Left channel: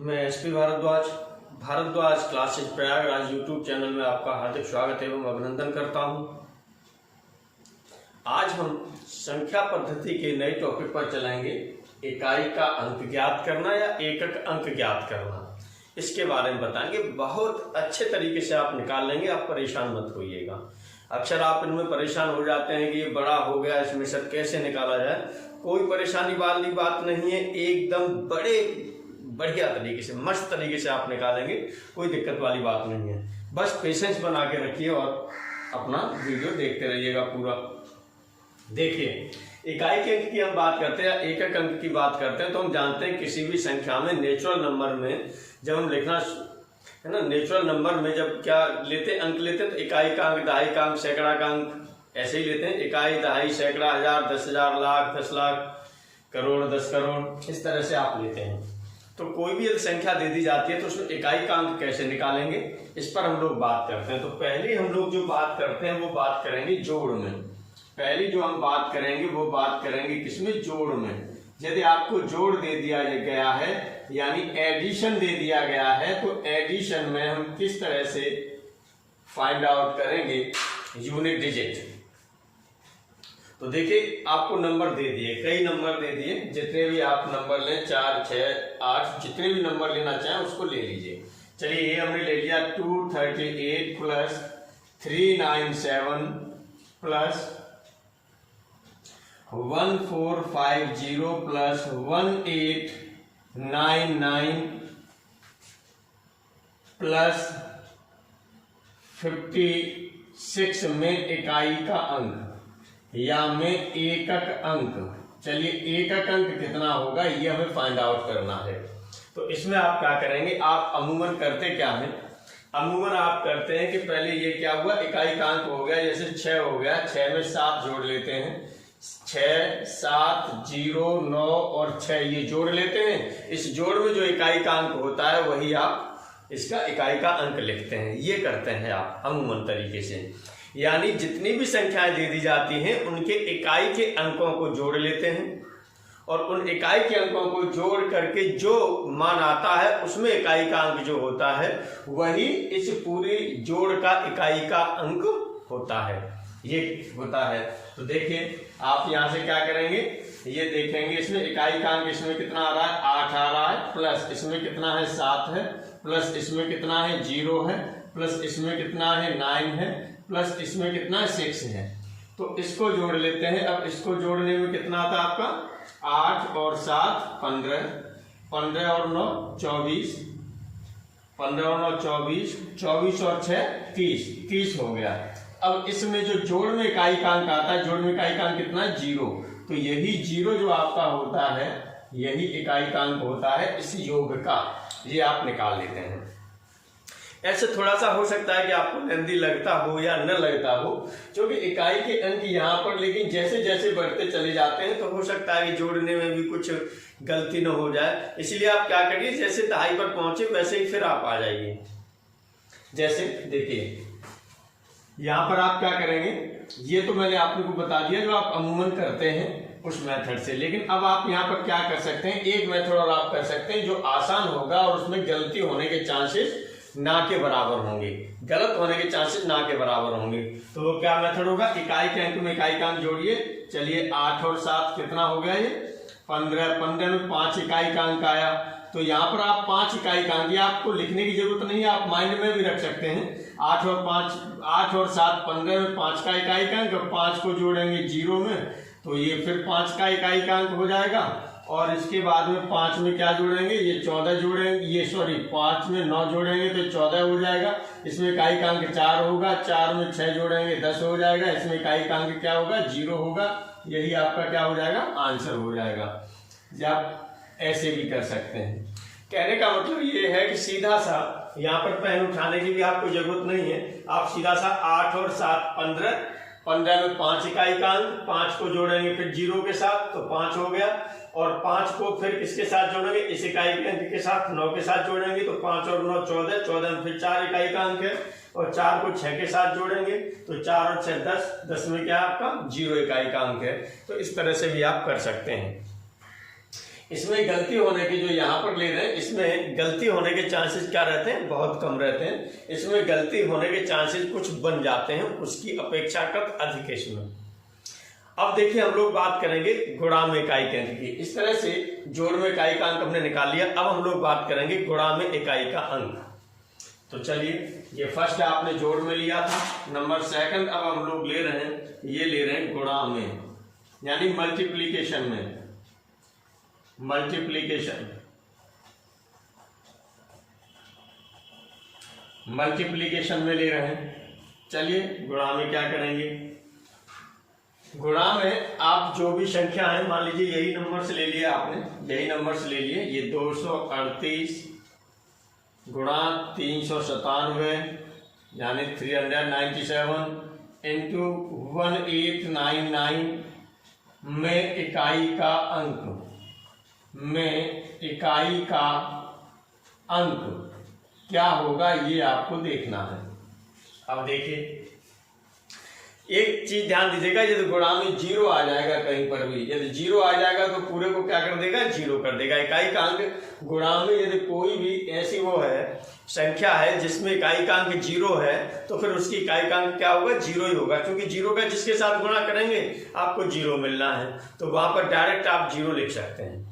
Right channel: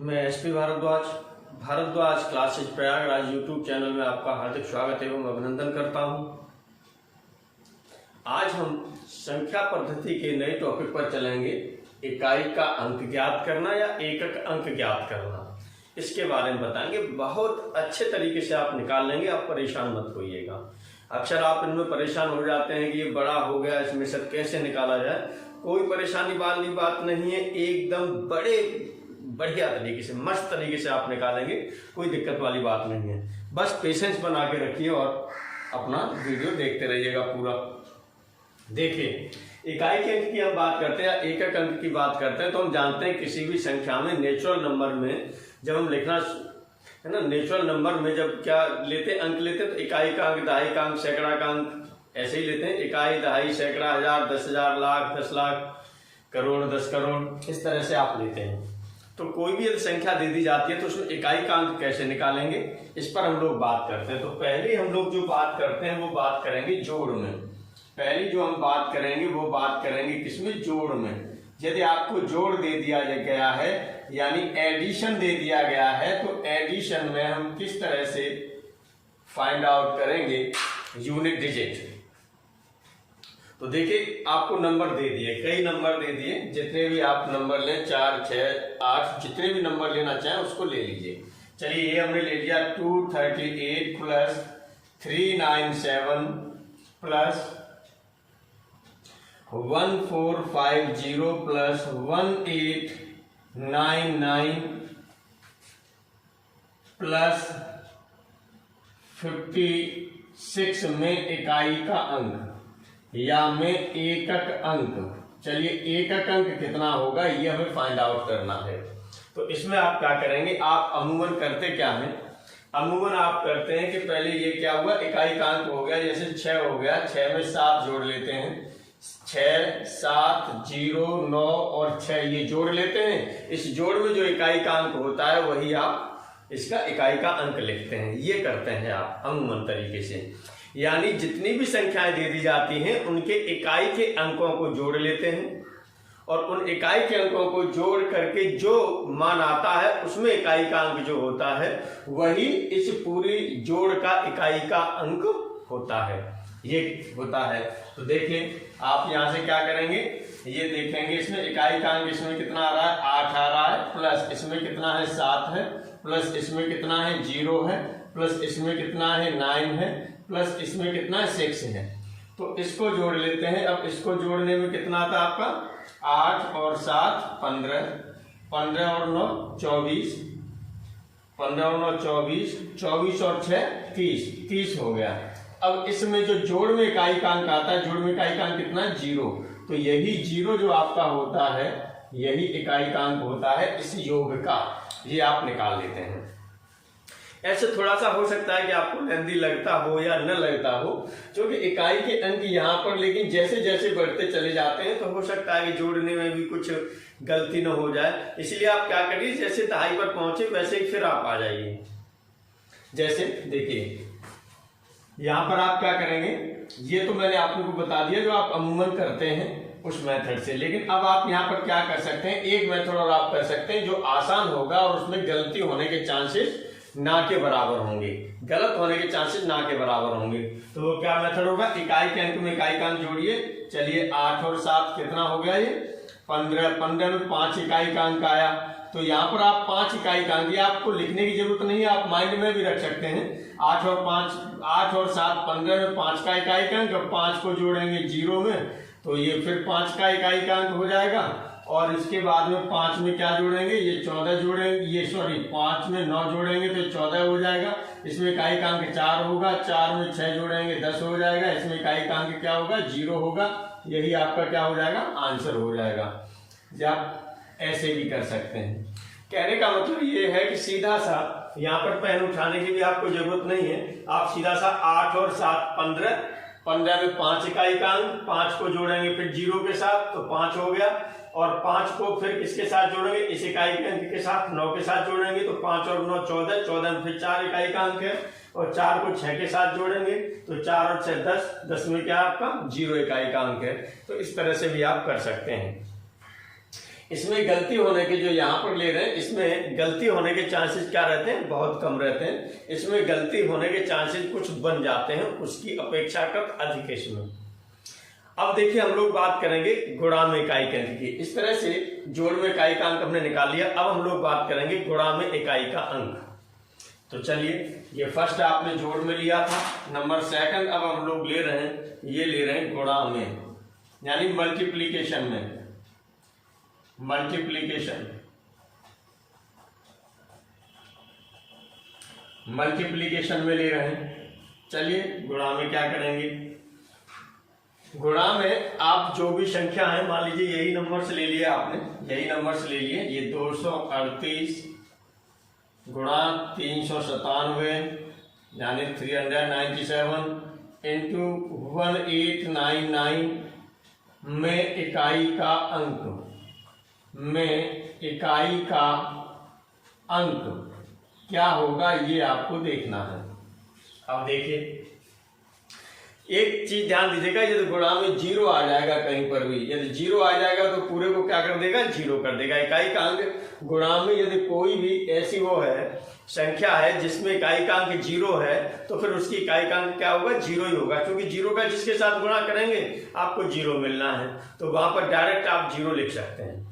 मैं SP Bharadwaj classes Prayagraj YouTube channel में आपका हार्दिक स्वागत एवं अभिनंदन करता हूं। आज हम संख्या पद्धति के नए टॉपिक पर चलेंगे। इकाई का अंक ज्ञात करना या एकक अंक ज्ञात करना, इसके बारे में बताएंगे। बहुत अच्छे तरीके से आप निकाल लेंगे, आप परेशान मत होइएगा। अक्सर आप इनमें परेशान हो जाते हैं कि ये बड़ा हो गया, इसमें से कैसे निकाला जाए। कोई परेशानी वाली बात नहीं है, एकदम बढ़िया तरीके से, मस्त तरीके से आप निकालेंगे, कोई दिक्कत वाली बात नहीं है। बस पेशेंस बना के रखिए और अपना वीडियो देखते रहिएगा पूरा। देखिए, इकाई के अंक की हम बात करते हैं, एकक अंक की बात करते हैं, तो हम जानते हैं किसी भी संख्या में नेचुरल नंबर में जब हम लिखना है ना, नेचुरल नंबर में जब क्या लेते अंक लेते हैं तो इकाई का अंक, दहाई का अंक, सैकड़ा का अंक ऐसे ही लेते हैं। इकाई, दहाई, सैकड़ा, हजार, 10,000, लाख, 10 लाख, करोड़, 10 करोड़, इस तरह से आप लेते हैं। तो कोई भी यदि संख्या दे दी जाती है तो उसमें इकाई का अंक कैसे निकालेंगे, इस पर हम लोग बात करते हैं। तो पहले हम लोग जो बात करते हैं वो बात करेंगे जोड़ में। पहली जो हम बात करेंगे वो बात करेंगे किसमें, जोड़ में। यदि आपको जोड़ दे दिया गया है यानी एडिशन दे दिया गया है तो एडिशन में हम किस तरह से फाइंड आउट करेंगे यूनिट डिजिट। तो देखिए, आपको नंबर दे दिए, कई नंबर दे दिए, जितने भी आप नंबर लें, 4, 6, 8, जितने भी नंबर लेना चाहें उसको ले लीजिए। चलिए, ये हमने ले लिया 238 प्लस 397 प्लस 1450 प्लस 1899 प्लस 56 में इकाई का अंक या में एकक अंक। चलिए, एकक अंक कितना होगा ये हमें फाइंड आउट करना है। तो इसमें आप क्या करेंगे, आप अमूमन करते क्या है, अमूमन आप करते हैं कि पहले ये क्या हुआ, इकाई का अंक हो गया, जैसे 6 हो गया, 6 में 7 जोड़ लेते हैं, 6, 7, 0, 9 और 6 ये जोड़ लेते हैं। इस जोड़ में जो इकाई का अंक होता है वही आप इसका इकाई का अंक लिखते हैं। ये करते हैं आप अमूमन तरीके से, यानी जितनी भी संख्याएं दे दी जाती हैं उनके इकाई के अंकों को जोड़ लेते हैं और उन इकाई के अंकों को जोड़ करके जो मान आता है उसमें इकाई का अंक जो होता है वही इस पूरी जोड़ का इकाई का अंक होता है, ये होता है। तो देखिए, आप यहां से क्या करेंगे, ये देखेंगे इसमें इकाई का अंक इसमें कितना आ रहा है, 8 आ रहा है, प्लस इसमें कितना है, 7 है, प्लस इसमें कितना है, 0 है, प्लस इसमें कितना है, 9 है, प्लस इसमें कितना है, 6 है। तो इसको जोड़ लेते हैं। अब इसको जोड़ने में कितना आता है आपका, 8 और 7 15, 15 और 9 24, 15 और 9 24, 24 और 6 30 हो गया। अब इसमें जो जोड़ में इकाई का अंक आता है, जोड़ में इकाई का अंक कितना है, 0। तो यही 0 जो आपका होता है यही इकाई का अंक होता है इस योग का, ये आप निकाल लेते हैं। ऐसे थोड़ा सा हो सकता है कि आपको नंदी लगता हो या न लगता हो, क्योंकि इकाई के अंक यहाँ पर, लेकिन जैसे जैसे बढ़ते चले जाते हैं तो हो सकता है कि जोड़ने में भी कुछ गलती न हो जाए। इसलिए आप क्या करिए, जैसे दहाई पर पहुंचे वैसे ही फिर आप आ जाइए। जैसे देखिए, यहाँ पर आप क्या करेंगे, ये तो मैंने आपको बता दिया जो आप अमूमन करते हैं उस मेथड से। लेकिन अब आप यहाँ पर क्या कर सकते हैं, एक मेथड और आप कर सकते हैं जो आसान होगा और उसमें गलती होने के चांसेस ना के बराबर होंगे, गलत होने के चांसेस ना के बराबर होंगे। तो वो क्या मेथड होगा, इकाई के अंक में इकाई का अंक जोड़िए। चलिए, 8 और 7 कितना हो गया, ये 15, 15 में 5 इकाई का अंक आया। तो यहाँ पर आप 5 इकाई का अंक, ये आपको लिखने की जरूरत नहीं है, आप माइंड में भी रख सकते हैं। 8 और 7 15 में 5 का इकाई का अंक, 5 को जोड़ेंगे 0 में तो ये फिर 5 का इकाई का अंक हो जाएगा। और इसके बाद में 5 में क्या जोड़ेंगे, ये 14 जोड़ेंगे, ये 5 में 9 जोड़ेंगे तो 14 हो जाएगा। इसमें इकाई का अंक 4 होगा, 4 में 6 जोड़ेंगे 10 हो जाएगा। इसमें इकाई का अंक क्या होगा, 0 होगा। यही आपका क्या हो जाएगा, आंसर हो जाएगा। आप ऐसे भी कर सकते हैं। कहने का मतलब ये है कि सीधा सा यहाँ पर पेन उठाने की भी आपको जरूरत नहीं है, आप सीधा सा 8 और 7 15, 15 में 5 इकाई का अंक, 5 को जोड़ेंगे फिर 0 के साथ तो 5 हो गया। और 5 को फिर किसके साथ जोड़ेंगे, इस इकाई के अंक के साथ 9 के साथ जोड़ेंगे तो 5 और 9 14, 14 में फिर 4 इकाई का अंक है और 4 को 6 के साथ जोड़ेंगे तो 4 और 6 10, 10 में क्या आपका 0 इकाई का अंक है। तो इस तरह से भी आप कर सकते हैं। इसमें गलती होने के जो यहाँ पर ले रहे हैं, इसमें गलती होने के चांसेस क्या रहते हैं, बहुत कम रहते हैं। इसमें गलती होने के चांसेस कुछ बन जाते हैं, उसकी अपेक्षाकृत अधिक इसमें। अब देखिए हम लोग बात करेंगे गुणा में इकाई के अंक की। इस तरह से जोड़ में इकाई का अंक हमने निकाल लिया। अब हम लोग बात करेंगे गुणा में इकाई का अंक। तो चलिए, ये फर्स्ट आपने जोड़ में लिया था, नंबर सेकंड अब हम लोग ले रहे हैं, ये ले रहे हैं गुणा में, यानी मल्टीप्लीकेशन में, मल्टीप्लीकेशन में ले रहे हैं। चलिए गुणा में क्या करेंगे, गुणा में आप जो भी संख्या है, मान लीजिए यही नंबर से ले लिया आपने, यही नंबर से ले लिए, ये 238 गुणा 397 यानी 397 इंटू 1899 में इकाई का अंक, में इकाई का अंक क्या होगा ये आपको देखना है। अब देखिए एक चीज ध्यान दीजिएगा, यदि गुणा में जीरो आ जाएगा कहीं पर भी, यदि जीरो आ जाएगा तो पूरे को क्या कर देगा, जीरो कर देगा। इकाई का अंक गुणा में यदि कोई भी ऐसी वो है संख्या है जिसमें इकाई का अंक जीरो है, तो फिर उसकी इकाई का अंक क्या होगा, जीरो ही होगा, क्योंकि जीरो का जिसके साथ गुणा करेंगे आपको जीरो मिलना है। तो वहां पर डायरेक्ट आप जीरो लिख सकते हैं,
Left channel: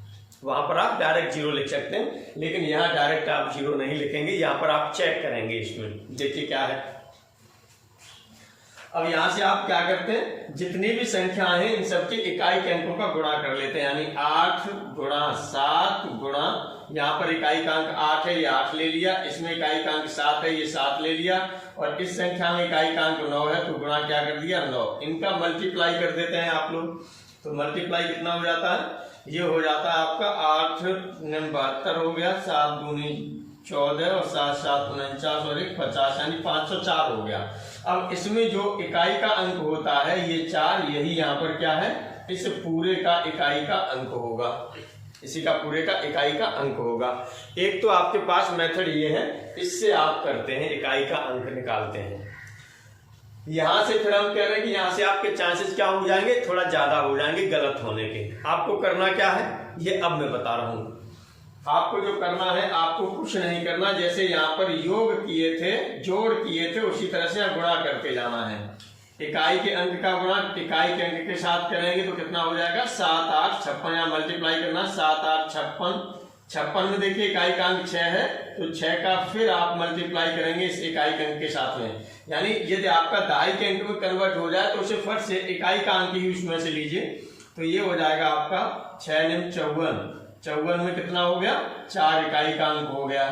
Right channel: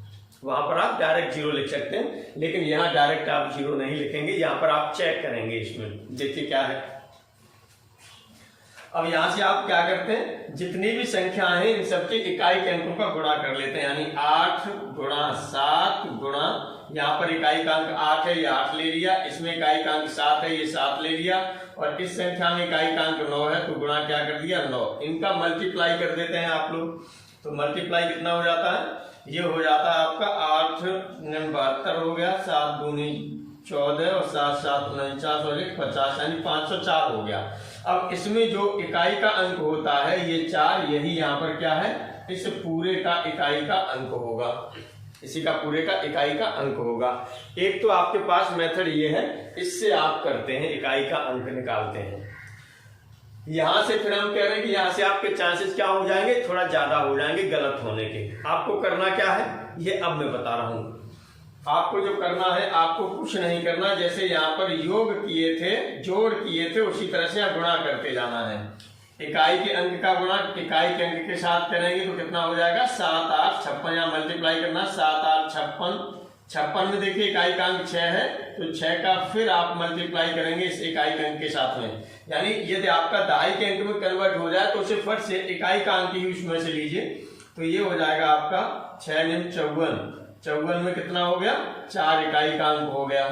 वहां पर आप डायरेक्ट जीरो लिख सकते हैं, लेकिन यहाँ डायरेक्ट आप जीरो नहीं लिखेंगे, यहाँ पर आप चेक करेंगे। इसमें देखिए क्या है। अब यहां से आप क्या करते हैं, जितनी भी संख्याएं हैं इन सबके इकाई के अंकों का गुणा कर लेते हैं, यानी 8 गुणा 7 गुणा, यहाँ पर इकाई का अंक 8 है, ये 8 ले लिया, इसमें इकाई का अंक 7 है, ये 7 ले लिया, और इस संख्या में इकाई का अंक 9 है, तो गुणा क्या कर दिया, 9। इनका मल्टीप्लाई कर देते हैं आप लोग, तो मल्टीप्लाई कितना हो जाता है, ये हो जाता है आपका 8 72 हो गया, 7 दूनी 14 और 7 7 49 और 1 50, यानी 504 हो गया। अब इसमें जो इकाई का अंक होता है ये 4, यही यहाँ पर क्या है, इस पूरे का इकाई का अंक होगा, इसी का पूरे का इकाई का अंक होगा। एक तो आपके पास मेथड ये है, इससे आप करते हैं, इकाई का अंक निकालते हैं। यहां से फिर हम कह रहे हैं कि यहां से आपके चांसेस क्या हो जाएंगे, थोड़ा ज्यादा हो जाएंगे गलत होने के। आपको करना क्या है ये अब मैं बता रहा हूं। आपको जो करना है, आपको कुछ नहीं करना, जैसे यहाँ पर योग किए थे, जोड़ किए थे, उसी तरह से गुणा करते जाना है। इकाई के अंक का गुणा इकाई के अंक के साथ करेंगे तो कितना हो जाएगा, 7 8 56, यहाँ मल्टीप्लाई करना, 7 8 56, 56 में देखिए इकाई का अंक 6 है, तो 6 का फिर आप मल्टीप्लाई करेंगे इस इकाई के अंक के साथ में, यानी यदि आपका दहाई के अंक में कन्वर्ट हो जाए तो उसे फट से इकाई का अंक ही उसमें से लीजिए, तो ये हो जाएगा आपका 6 9 54, 54 में कितना हो गया, 4 इकाई का अंक हो गया,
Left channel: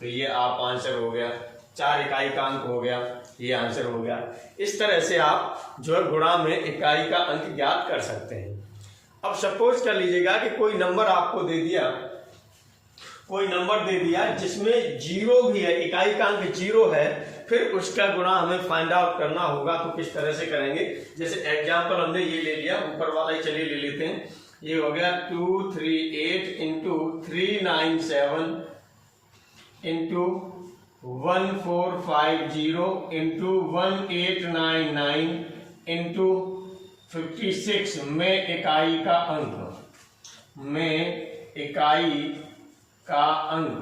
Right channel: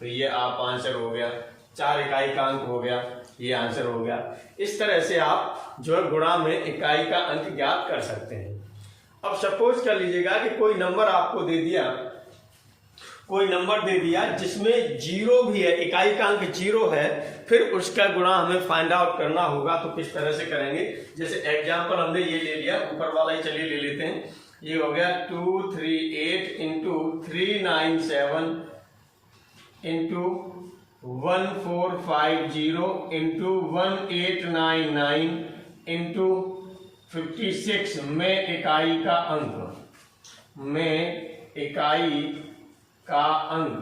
तो ये आप आंसर हो गया, 4 इकाई का अंक हो गया, ये आंसर हो गया। इस तरह से आप जो है गुणा में इकाई का अंक ज्ञात कर सकते हैं। अब सपोज कर लीजिएगा कि कोई नंबर आपको दे दिया, कोई नंबर दे दिया जिसमें जीरो भी है, इकाई का अंक जीरो है, फिर उसका गुणा हमें फाइंड आउट करना होगा, तो किस तरह से करेंगे। जैसे एग्जाम्पल हमने ये ले लिया, ऊपर वाला ही चलिए ले लेते हैं, ये हो गया 238 इंटू 397 इंटू 1450 इंटू 1899 इंटू 56 में इकाई का अंक, में इकाई का अंक।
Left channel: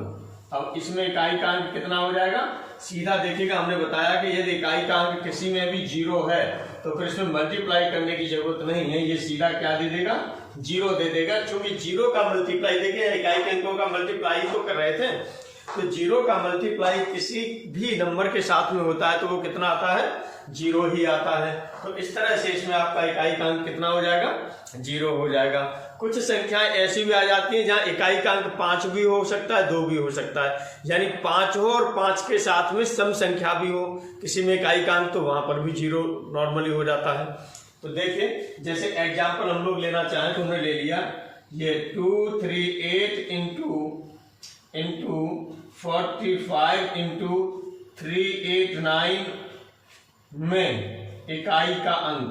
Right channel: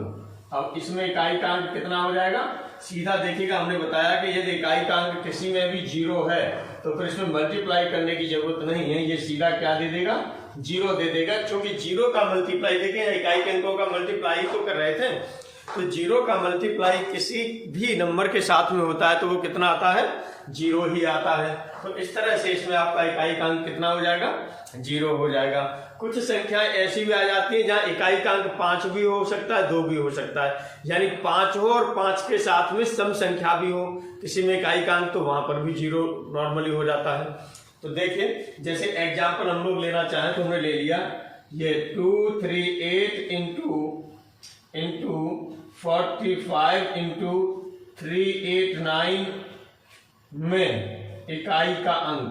अब इसमें इकाई का अंक कितना हो जाएगा, सीधा देखिएगा, हमने बताया कि यदि इकाई का अंक किसी में भी जीरो है तो फिर इसमें मल्टीप्लाई करने की जरूरत नहीं है, ये सीधा क्या दे देगा, जीरो दे देगा, क्योंकि जीरो का मल्टीप्लाई देखिए इकाई के अंकों का मल्टीप्लाई तो कर रहे थे, तो जीरो का मल्टीप्लाई किसी भी नंबर के साथ में होता है तो वो कितना आता है, जीरो ही आता है। तो इस तरह से इसमें आपका इकाई का अंक कितना हो जाएगा, जीरो हो जाएगा। कुछ संख्याएं ऐसी भी आ जाती हैं जहां इकाई का अंक 5 भी हो सकता है, 2 भी हो सकता है, यानी 5 हो और 5 के साथ में सम संख्या भी हो किसी में इकाई का अंक, तो वहां पर भी जीरो नॉर्मली हो जाता है। तो देखिए जैसे एग्जाम्पल हम लोग लेना चाहें तो हमने ले लिया ये 238 इंटू 45 इंटू 389 में इकाई का अंक,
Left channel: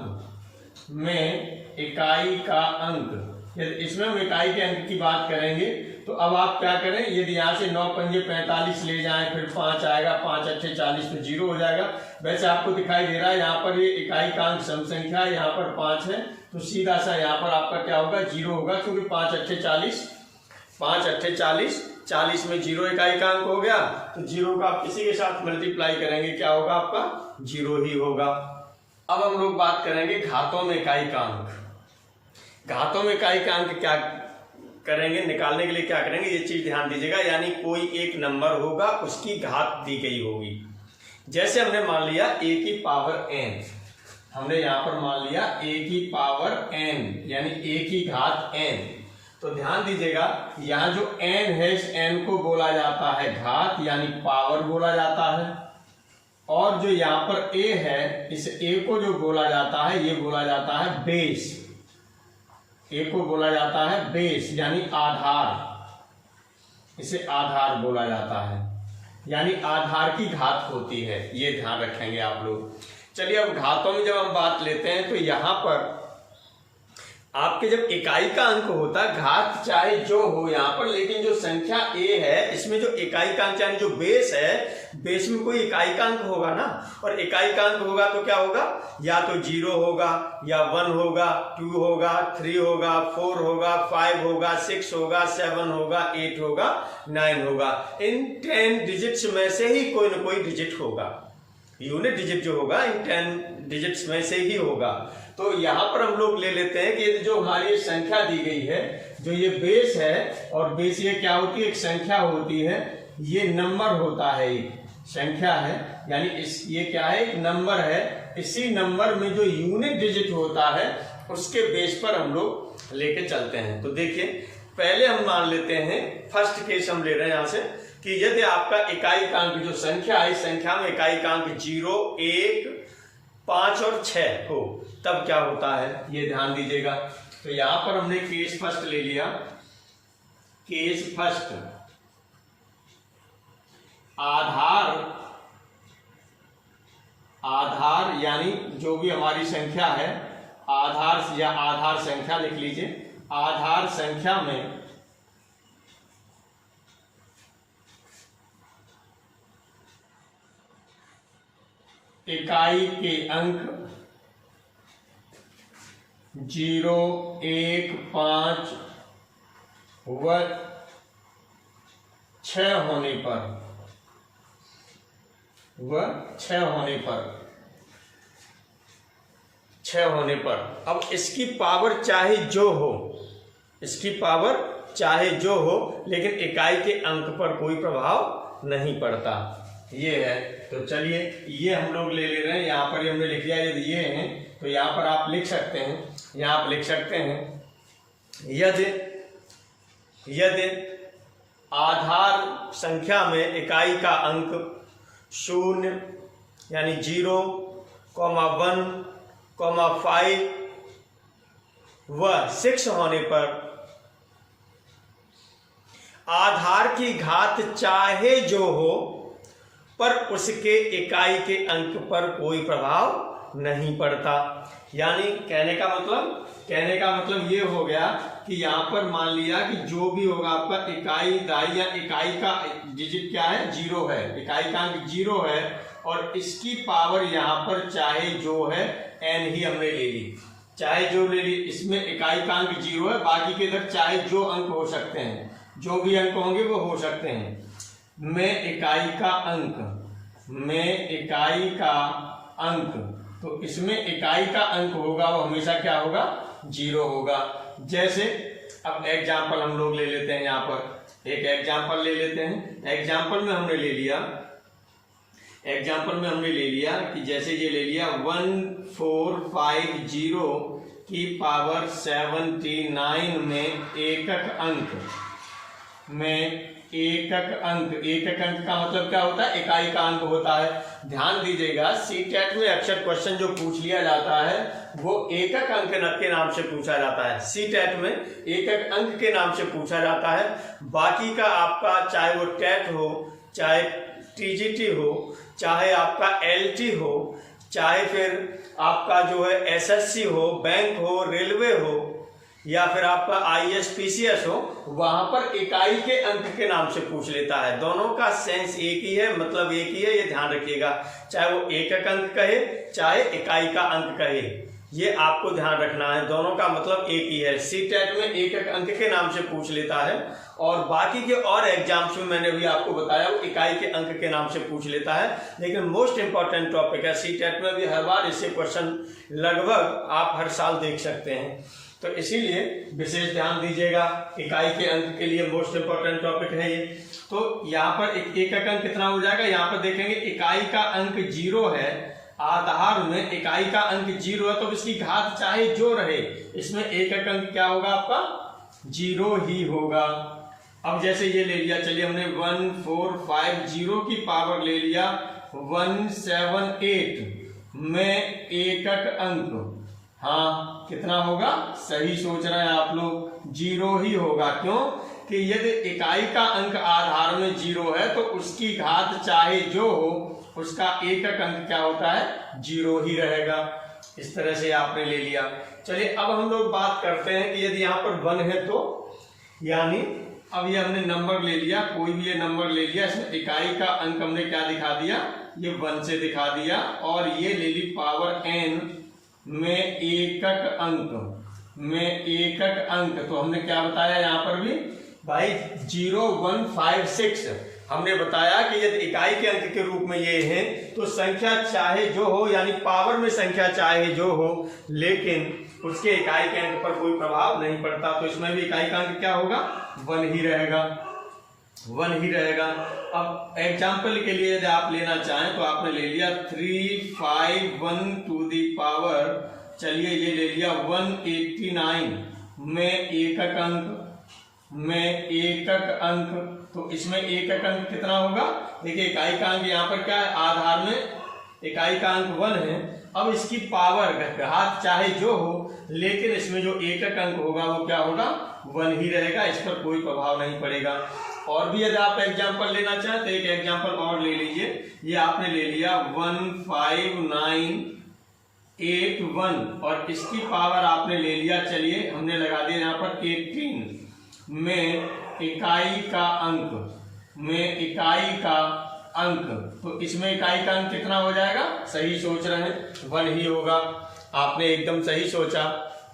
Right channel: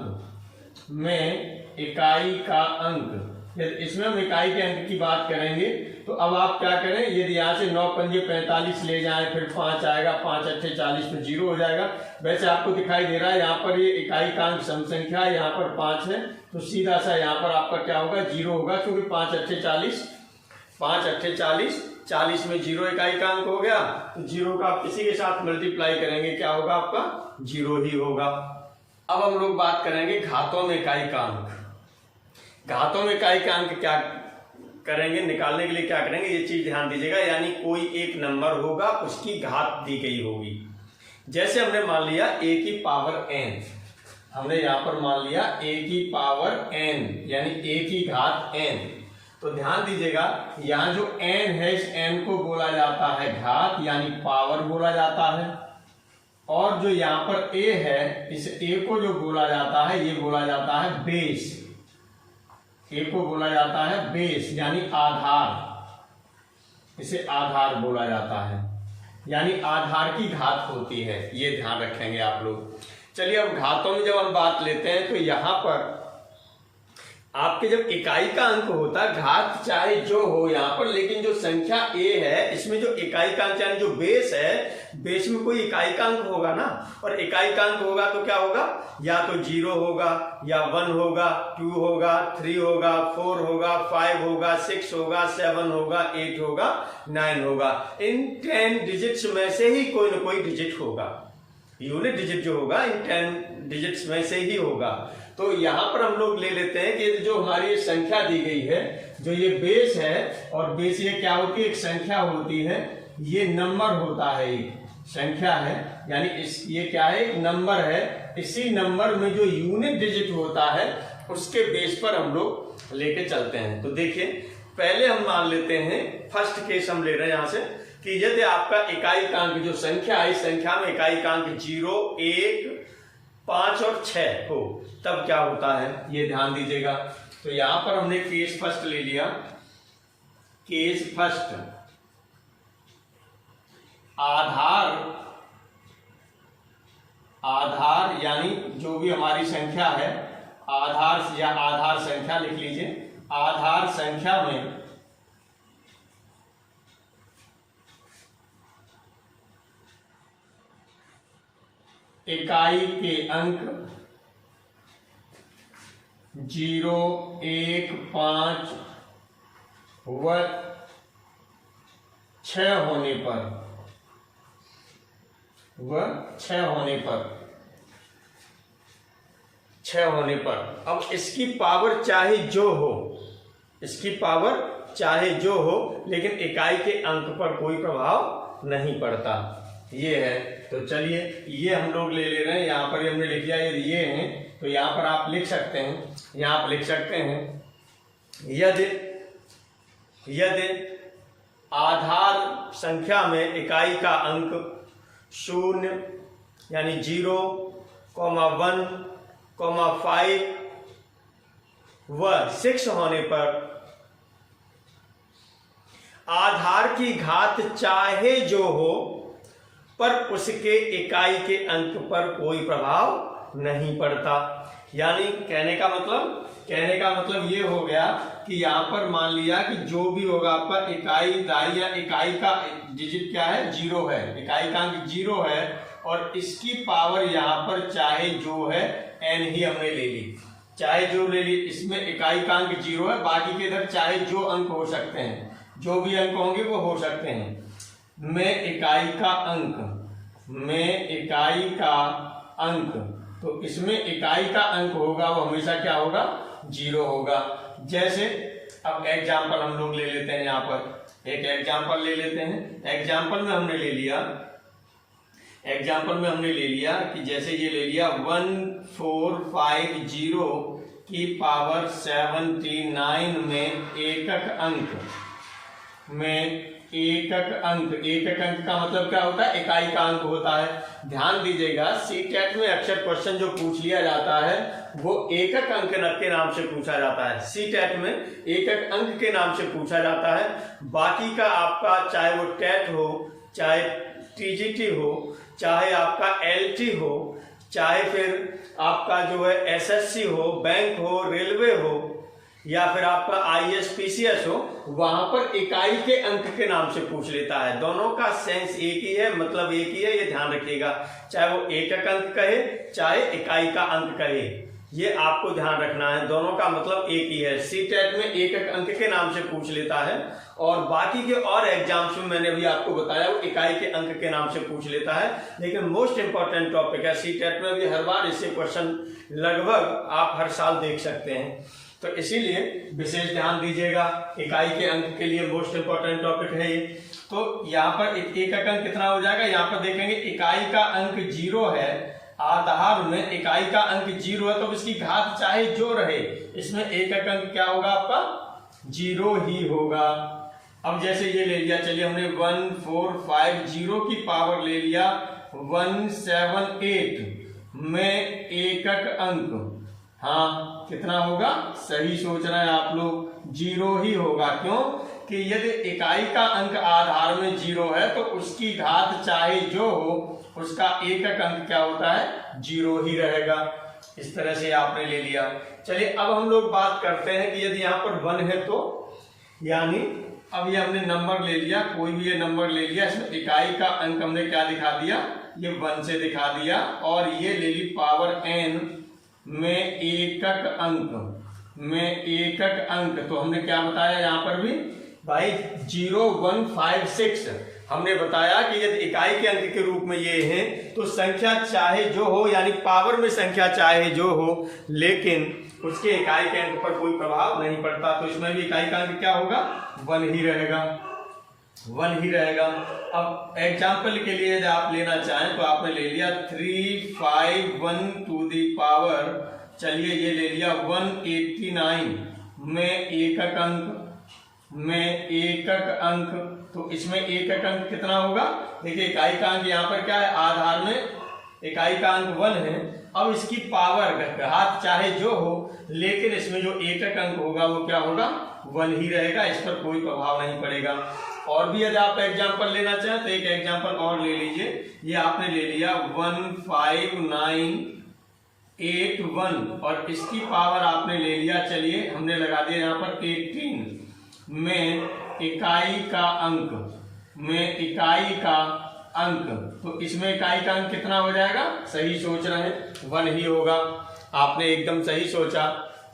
में इकाई का अंक। यदि इसमें हम इकाई के अंक की बात करेंगे तो अब आप क्या करें, यदि यहाँ से 9 पंजे 45 ले जाएं, फिर 5 आएगा, 5 अच्छे 40 तो जीरो हो जाएगा। वैसे आपको दिखाई दे रहा है यहाँ पर ये इकाई का अंक सम संख्या है, यहाँ पर 5 है, तो सीधा सा यहाँ पर आपका क्या होगा, जीरो होगा, क्योंकि 5 अच्छे 40 5 अट्ठे 40, 40 में 0 इकाई का अंक हो गया, तो 0 का आप किसी के साथ मल्टीप्लाई करेंगे क्या होगा आपका 0 ही होगा। अब हम लोग बात करेंगे घातों में इकाई का अंक। घातों में इकाई का अंक क्या करेंगे, निकालने के लिए क्या करेंगे, ये चीज ध्यान दीजिएगा। यानी कोई एक नंबर होगा, उसकी घात दी गई होगी। जैसे हमने मान लिया a की पावर n, हमने यहाँ पर मान लिया a की पावर n यानी a की घात n। तो ध्यान दीजिएगा यहाँ जो n है, इस n को बोला जाता है घात यानी पावर बोला जाता है, और जो यहाँ पर a है, इस a को जो बोला जाता है ये बोला जाता है बेस। a को बोला जाता है बेस यानी आधार, इसे आधार बोला जाता है, यानी आधार की घात होती है, ये ध्यान रखेंगे आप लोग। चलिए अब घातों में जब हम बात लेते हैं तो यहाँ पर आपके जब इकाई का अंक होता है, घात चाहे जो हो यहाँ पर, लेकिन जो संख्या a है इसमें जो इकाई का अंक यानी जो बेस है, बेस में कोई इकाई का अंक होगा ना, और इकाई का अंक होगा तो क्या होगा, या तो 0 होगा, या 1 होगा, 2 होगा, 3 होगा, 4 होगा, 5 होगा, 6 होगा, 7 होगा, 8 होगा, 9 होगा। इन 10 डिजिट्स में से ही कोई ना कोई डिजिट होगा, यूनिट डिजिट जो होगा इन 10 डिजिट्स में से ही होगा। तो यहाँ पर हम लोग ले लेते हैं कि जो हमारी संख्या दी गई है, जो ये बेस है, और बेस ये क्या होती है, एक संख्या होती है, ये नंबर होता है, एक संख्या है, यानी ये क्या है, एक नंबर है। इसी नंबर में जो यूनिट डिजिट होता है उसके बेस पर हम लोग लेके चलते हैं। तो देखिए पहले हम मान लेते हैं, फर्स्ट केस हम ले रहे हैं यहाँ से, कि यदि आपका इकाई का अंक जो संख्या है, इस संख्या में इकाई का अंक 0, 1, 5 और 6 हो, तब क्या होता है ये ध्यान दीजिएगा। तो यहां पर हमने केस फर्स्ट ले लिया, केस फर्स्ट, आधार यानी जो भी हमारी संख्या है, आधार या आधार संख्या लिख लीजिए, आधार संख्या में इकाई के अंक 0, 1, 5 व 6 होने पर, अब इसकी पावर चाहे जो हो, लेकिन इकाई के अंक पर कोई प्रभाव नहीं पड़ता, ये है। तो चलिए ये हम लोग ले रहे हैं, यहाँ पर हमने लिख लिया, यदि ये हैं तो यहाँ पर आप लिख सकते हैं, यहाँ आप लिख सकते हैं, यदि आधार संख्या में इकाई का अंक 0 यानी 0, 1, 5 व 6 होने पर आधार की घात चाहे जो हो, पर उसके इकाई के अंक पर कोई प्रभाव नहीं पड़ता। यानी कहने का मतलब ये हो गया कि यहाँ पर मान लिया कि जो भी होगा आपका इकाई दाई या इकाई का डिजिट क्या है, 0 है, इकाई का अंक 0 है, और इसकी पावर यहाँ पर चाहे जो है n ही हमने ले ली, चाहे जो ले ली, इसमें इकाई का अंक 0 है, बाकी के इधर चाहे जो अंक हो सकते हैं, जो भी अंक होंगे वो हो सकते हैं। में इकाई का अंक, तो इसमें इकाई का अंक होगा वो हमेशा क्या होगा, 0 होगा। जैसे अब एग्जाम्पल हम लोग ले लेते हैं, यहाँ पर एक एग्जाम्पल ले लेते हैं। एग्जाम्पल में हमने ले लिया कि जैसे ये ले लिया 1450 की पावर 79 में एकक अंक का मतलब क्या होता है, इकाई का अंक होता है। ध्यान दीजिएगा सीटेट में अक्सर क्वेश्चन जो पूछ लिया जाता है वो एकक अंक के नाम से पूछा जाता है, सीटेट में एकक अंक के नाम से पूछा जाता है। बाकी का आपका चाहे वो टेट हो, चाहे टीजीटी हो, चाहे आपका एलटी हो, चाहे फिर आपका जो है एसएससी हो, बैंक हो, रेलवे हो, या फिर आपका आईएएस हो, वहां पर इकाई के अंक के नाम से पूछ लेता है। दोनों का सेंस एक ही है, मतलब एक ही है, ये ध्यान रखिएगा। चाहे वो एकक अंक कहे चाहे इकाई का अंक कहे, ये आपको ध्यान रखना है, दोनों का मतलब एक ही है। सीटेट में एक एक अंक के नाम से पूछ लेता है और बाकी के और एग्जाम्स में मैंने भी आपको बताया वो इकाई के अंक के नाम से पूछ लेता है। लेकिन मोस्ट इंपॉर्टेंट टॉपिक है, सीटेट में भी हर बार इससे क्वेश्चन लगभग आप हर साल देख सकते हैं, तो इसीलिए विशेष ध्यान दीजिएगा। इकाई के अंक के लिए मोस्ट इंपॉर्टेंट टॉपिक है ये। तो यहाँ पर एकक अंक कितना हो जाएगा, यहाँ पर देखेंगे इकाई का अंक 0 है, आधार में इकाई का अंक 0 है, तो इसकी घात चाहे जो रहे इसमें एकक अंक क्या होगा आपका 0 ही होगा। अब जैसे ये ले लिया, चलिए हमने 1450 की पावर ले लिया 178 में एकक अंक, हाँ कितना होगा, सही सोच रहे हैं आप लोग, 0 ही होगा। क्यों कि यदि इकाई का अंक आधार में 0 है तो उसकी घात चाहे जो हो उसका एकक अंक क्या होता है, 0 ही रहेगा। इस तरह से आपने ले लिया। चलिए अब हम लोग बात करते हैं कि यदि यहाँ पर 1 है तो, यानी अब ये हमने नंबर ले लिया, कोई भी ये नंबर ले लिया, इसमें इकाई का अंक हमने क्या दिखा दिया, ये 1 से दिखा दिया, और ये ले ली पावर n में एकक अंक, तो हमने क्या बताया यहाँ पर भी भाई 0156 हमने बताया कि यदि इकाई के अंक के रूप में ये है तो संख्या चाहे जो हो, यानी पावर में संख्या चाहे जो हो, लेकिन उसके इकाई के अंक पर कोई प्रभाव नहीं पड़ता, तो इसमें भी इकाई का अंक क्या होगा, 1 ही रहेगा, 1 ही रहेगा। अब एग्जाम्पल के लिए यदि आप लेना चाहें तो आपने ले लिया 351 टू दी पावर, चलिए ये ले लिया 189 में एकक अंक, तो इसमें एकक अंक कितना होगा, देखिए इकाई का अंक यहाँ पर क्या है, आधार में इकाई का अंक 1 है, अब इसकी पावर घात चाहे जो हो, लेकिन इसमें जो एकक अंक होगा वो क्या होगा, 1 ही रहेगा, इस पर कोई प्रभाव नहीं पड़ेगा। और भी यदि आप एग्जाम्पल लेना चाहें तो एक एग्जाम्पल और ले लीजिए, ये आपने ले लिया 15981 और इसकी पावर आपने ले लिया, चलिए हमने लगा दिया यहाँ पर 18 में इकाई का अंक, तो इसमें इकाई का अंक कितना हो जाएगा, सही सोच रहे हैं, 1 ही होगा। आपने एकदम सही सोचा,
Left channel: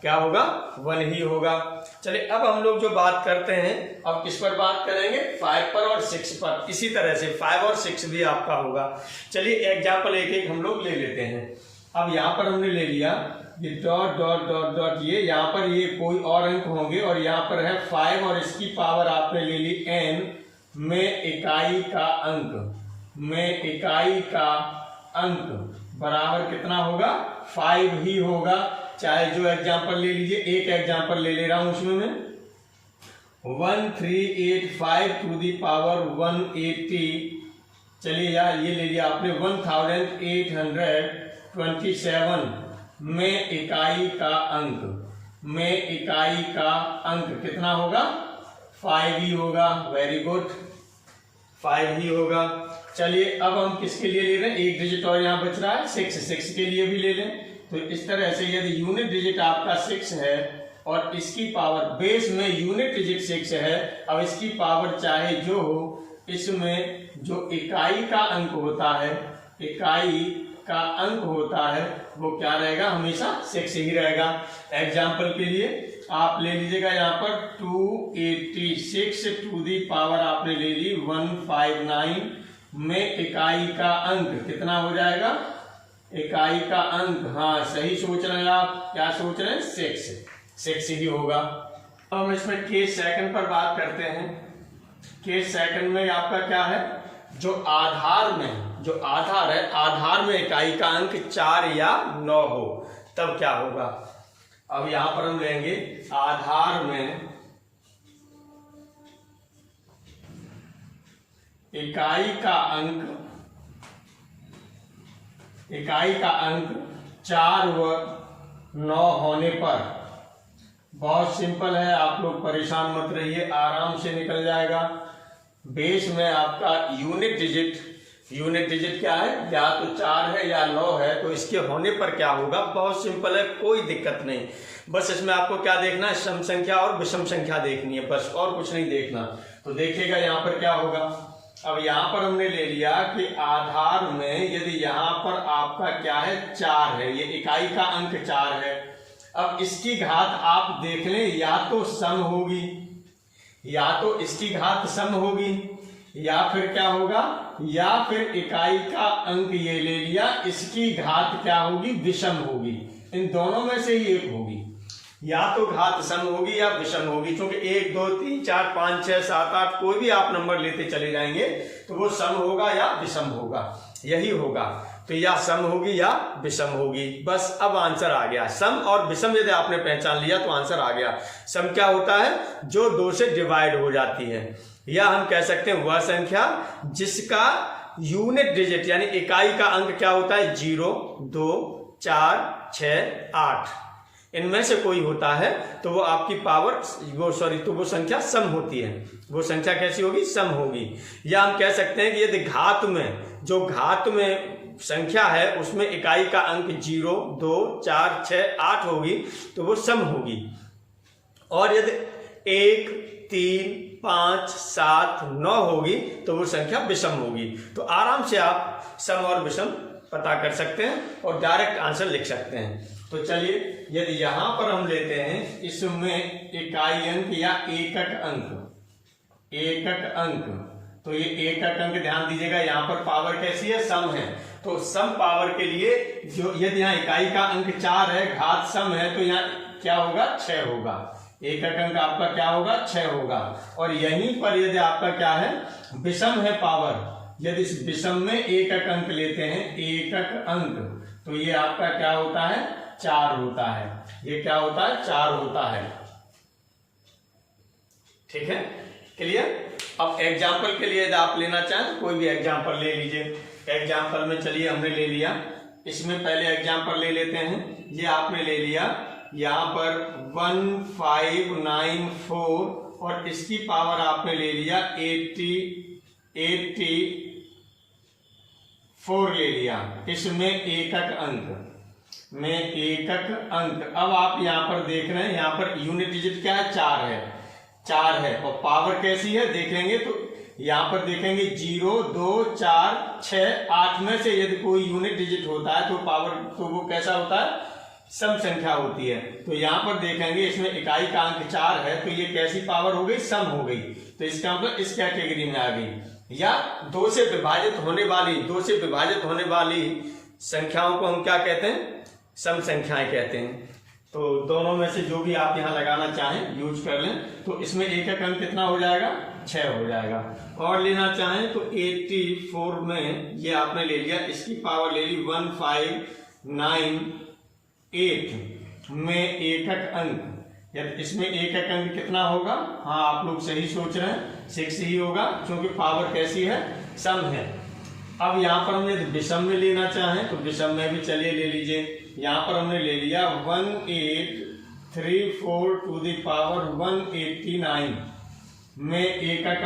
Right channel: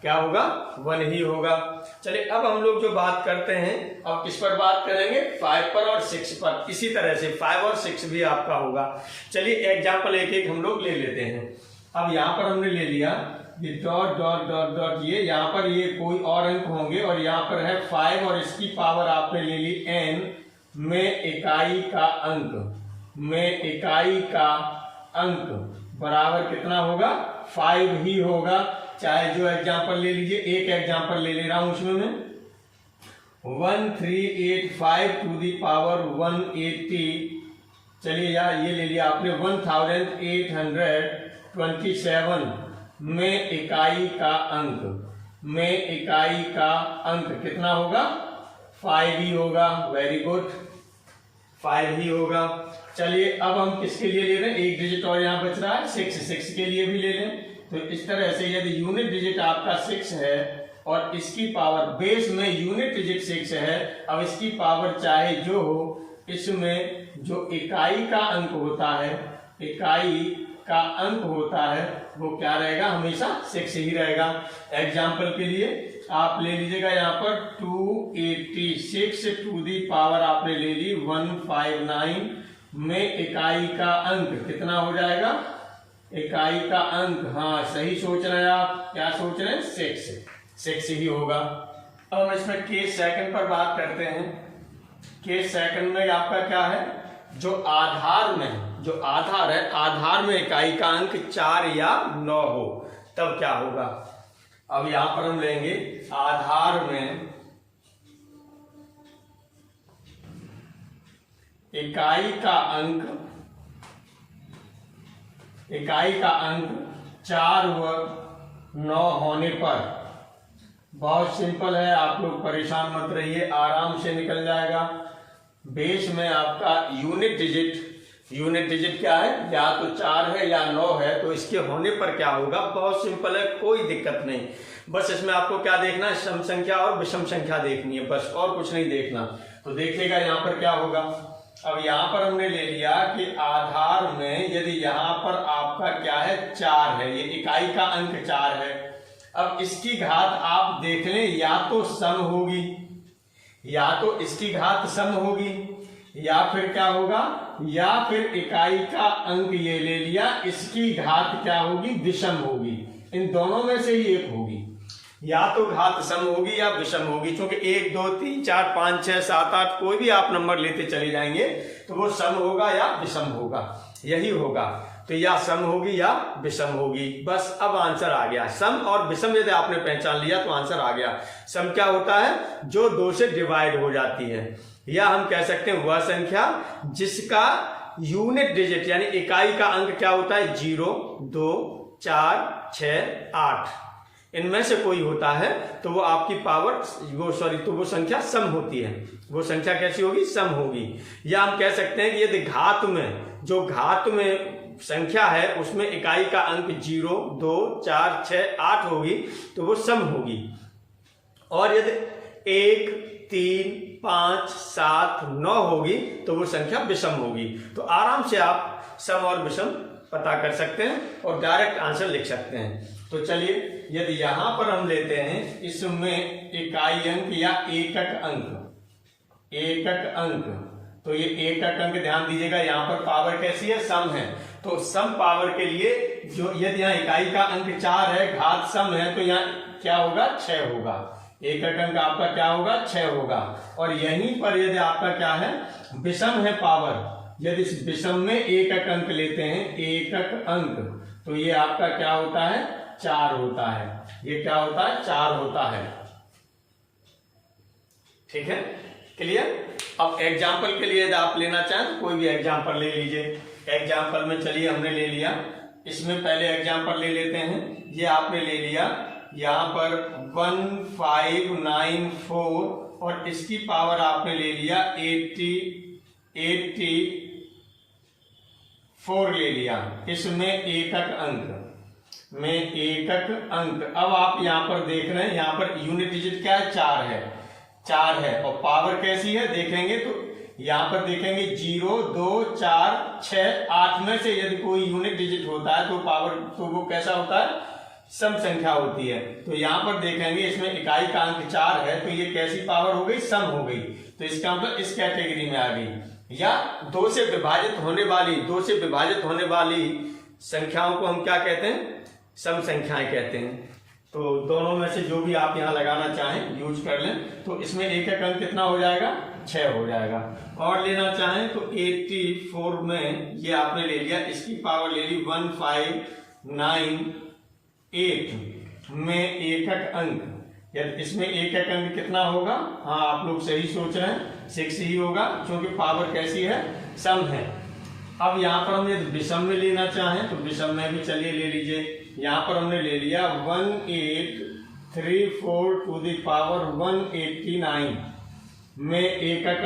क्या होगा, 1 ही होगा। चलिए अब हम लोग जो बात करते हैं, अब किस पर बात करेंगे, 5 पर और 6 पर। इसी तरह से 5 और 6 भी आपका होगा। चलिए एग्जाम्पल एक एक हम लोग ले लेते हैं। अब यहाँ पर हमने ले लिया ये डॉट डॉट डॉट डॉट, ये यहाँ पर ये कोई और अंक होंगे और यहाँ पर है 5 और इसकी पावर आपने ले ली n में इकाई का अंक बराबर कितना होगा, 5 ही होगा। चाहे जो एग्जाम्पल ले लीजिए, एक एग्जाम्पल ले ले रहा हूं उसमें मैं 1385 टू दी पावर 180, चलिए यार ये ले लिया आपने 1827 में इकाई का अंक कितना होगा, 5 ही होगा। वेरी गुड, 5 ही होगा। चलिए अब हम किसके लिए ले रहे हैं, एक डिजिट और यहाँ बच रहा है 6 के लिए भी ले लें। तो इस तरह से यदि यूनिट डिजिट आपका 6 है और इसकी पावर बेस में यूनिट डिजिट 6 है, अब इसकी पावर चाहे जो हो, इसमें जो इकाई का अंक होता है वो क्या रहेगा, हमेशा 6 ही रहेगा। एग्जाम्पल के लिए आप ले लीजिएगा यहाँ पर 286 टू दी पावर आपने ले ली 159 में इकाई का अंक कितना हो जाएगा, इकाई का अंक, हाँ सही सोच रहे हैं आप, क्या सोच रहे हैं, 6 ही होगा। अब हम इसमें केस सेकंड पर बात करते हैं। केस सेकंड में आपका क्या है, जो आधार है, आधार में इकाई का अंक 4 या 9 हो तब क्या होगा। अब यहां पर हम लेंगे आधार में इकाई का अंक 4 व 9 होने पर, बहुत सिंपल है, आप लोग परेशान मत रहिए, आराम से निकल जाएगा। बेस में आपका यूनिट डिजिट क्या है, या तो 4 है या 9 है, तो इसके होने पर क्या होगा, बहुत सिंपल है, कोई दिक्कत नहीं। बस इसमें आपको क्या देखना है, सम संख्या और विषम संख्या देखनी है, बस और कुछ नहीं देखना। तो देखिएगा यहाँ पर क्या होगा, अब यहाँ पर हमने ले लिया कि आधार में यदि यहाँ पर आपका क्या है 4 है, ये इकाई का अंक 4 है। अब इसकी घात आप देख लें, या तो सम होगी, या तो इसकी घात सम होगी, या फिर क्या होगा, या फिर इकाई का अंक ये ले लिया, इसकी घात क्या होगी, विषम होगी। इन दोनों में से ही एक होगी, या तो घात सम होगी या विषम होगी, क्योंकि 1 2 3 4 5 6 7 8 कोई भी आप नंबर लेते चले जाएंगे तो वो सम होगा या विषम होगा, यही होगा। तो या सम होगी या विषम होगी, बस अब आंसर आ गया। सम और विषम यदि आपने पहचान लिया तो आंसर आ गया। सम क्या होता है, जो 2 से डिवाइड हो जाती है, या हम कह सकते हैं वह संख्या जिसका यूनिट डिजिट यानी इकाई का अंक क्या होता है, 0 2 4 6 8, इनमें से कोई होता है तो वो आपकी पावर तो वो संख्या सम होती है। वो संख्या कैसी होगी, सम होगी। या हम कह सकते हैं कि यदि घात में, जो घात में संख्या है उसमें इकाई का अंक 0 2 4 6 8 होगी तो वो सम होगी। और यदि 1 3 5 7 9 होगी तो वो संख्या विषम होगी। तो आराम से आप सम और विषम पता कर सकते हैं और डायरेक्ट आंसर लिख सकते हैं। तो चलिए, यदि यहां पर हम लेते हैं इसमें इकाई अंक या एकक अंक, तो ये एकक अंक ध्यान दीजिएगा, यहाँ पर पावर कैसी है, सम है। तो सम पावर के लिए जो यदि यहाँ इकाई का अंक 4 है, घात सम है, तो यहाँ क्या होगा, 6 होगा। एकक अंक आपका क्या होगा, 6 होगा। और यहीं पर यदि आपका क्या है, विषम है पावर, यदि इस विषम में एकक अंक लेते हैं, एकक अंक, तो ये आपका क्या होता है, 4 होता है। ये क्या होता है, 4 होता है। ठीक है, क्लियर। अब एग्जाम्पल के लिए यदि आप लेना चाहें कोई भी एग्जाम्पल ले लीजिए। एग्जाम्पल में चलिए हमने ले लिया, इसमें पहले एग्जाम्पल ले लेते हैं। ये आपने ले लिया यहाँ पर 1594 और इसकी पावर आपने ले लिया 84 ले लिया। इसमें एकक अंक अब आप यहाँ पर देख रहे हैं, यहाँ पर यूनिट डिजिट क्या है, 4 है और पावर कैसी है देखेंगे तो यहाँ पर देखेंगे 0 2 4 6 8 में से यदि कोई यूनिट डिजिट होता है तो पावर, तो वो कैसा होता है, सम संख्या होती है। तो यहाँ पर देखेंगे इसमें इकाई का अंक 4 है तो ये कैसी पावर हो गई, सम हो गई। तो इसका मतलब इस कैटेगरी में आ गई। या 2 से विभाजित होने वाली संख्याओं को हम क्या कहते हैं, सम संख्याएं कहते हैं। तो दोनों में से जो भी आप यहाँ लगाना चाहें यूज कर लें। तो इसमें एकक अंक कितना हो जाएगा, 6 हो जाएगा। और लेना चाहें तो 84 में ये आपने ले लिया, इसकी पावर ले ली 1598 में एकक अंक, यदि इसमें एकक अंक कितना होगा, हाँ आप लोग सही सोच रहे हैं, 6 ही होगा क्योंकि पावर कैसी है, सम है। अब यहाँ पर हमने विषम में लेना चाहें तो विषम में भी चलिए ले लीजिए। यहाँ पर हमने ले लिया 1834 टू द पावर 189 में एकक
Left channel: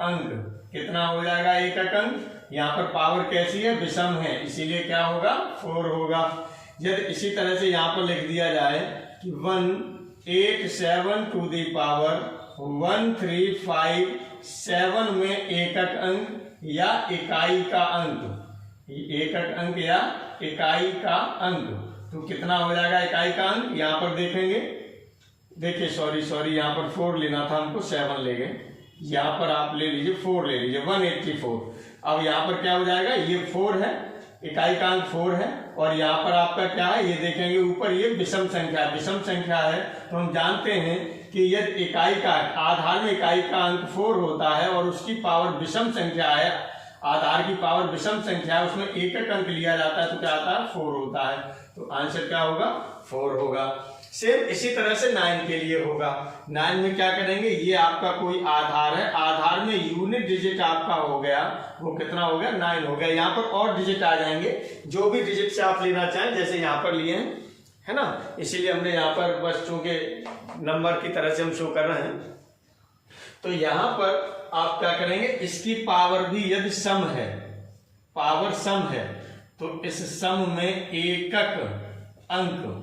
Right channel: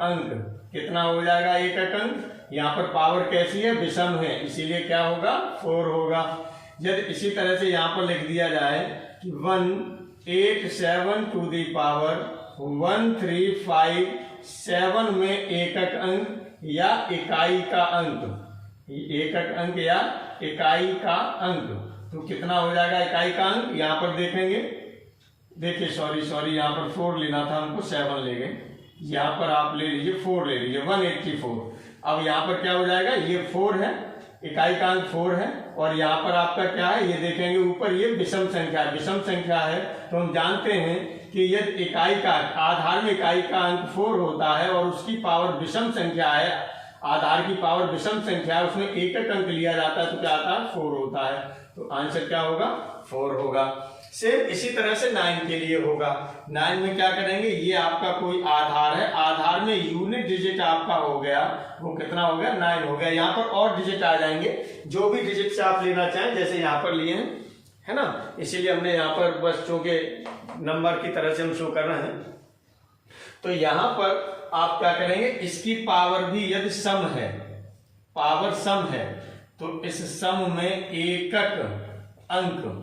अंक कितना हो जाएगा, एकक अंक। यहाँ पर पावर कैसी है, विषम है, इसीलिए क्या होगा, 4 होगा। यदि इसी तरह से यहाँ पर लिख दिया जाए कि 187 टू द पावर 1357 में एकक अंक या इकाई का अंक, एकक अंक या इकाई का अंक, तो कितना हो जाएगा इकाई का अंक। यहाँ पर देखेंगे, देखिए सॉरी यहाँ पर 4 लेना था हमको, 7 ले गए। यहाँ पर आप ले लीजिए 4 ले लीजिए, 184। अब यहाँ पर क्या हो जाएगा, ये 4 है, इकाई का अंक 4 है और यहाँ पर आपका क्या है, ये देखेंगे ऊपर ये विषम संख्या है। तो हम जानते हैं कि यदि इकाई का आधार में इकाई का अंक 4 होता है और उसकी पावर विषम संख्या है, आधार की पावर विषम संख्या है, उसमें एकक अंक लिया जाता है तो क्या आता है, 4 होता है। तो आंसर क्या होगा, 4 होगा। सेम इसी तरह से 9 के लिए होगा। 9 में क्या करेंगे, ये आपका कोई आधार है, आधार में यूनिट डिजिट आपका हो गया, वो कितना हो गया, 9 हो गया। यहाँ पर और डिजिट आ जाएंगे, जो भी डिजिट से आप लेना चाहें, जैसे यहाँ पर लिए हैं, है ना, इसीलिए हमने यहाँ पर बस चूंकि नंबर की तरह से हम शो कर रहे हैं। तो यहाँ पर आप क्या करेंगे, इसकी पावर भी यदि सम है, पावर सम है, तो इस सम में एकक अंक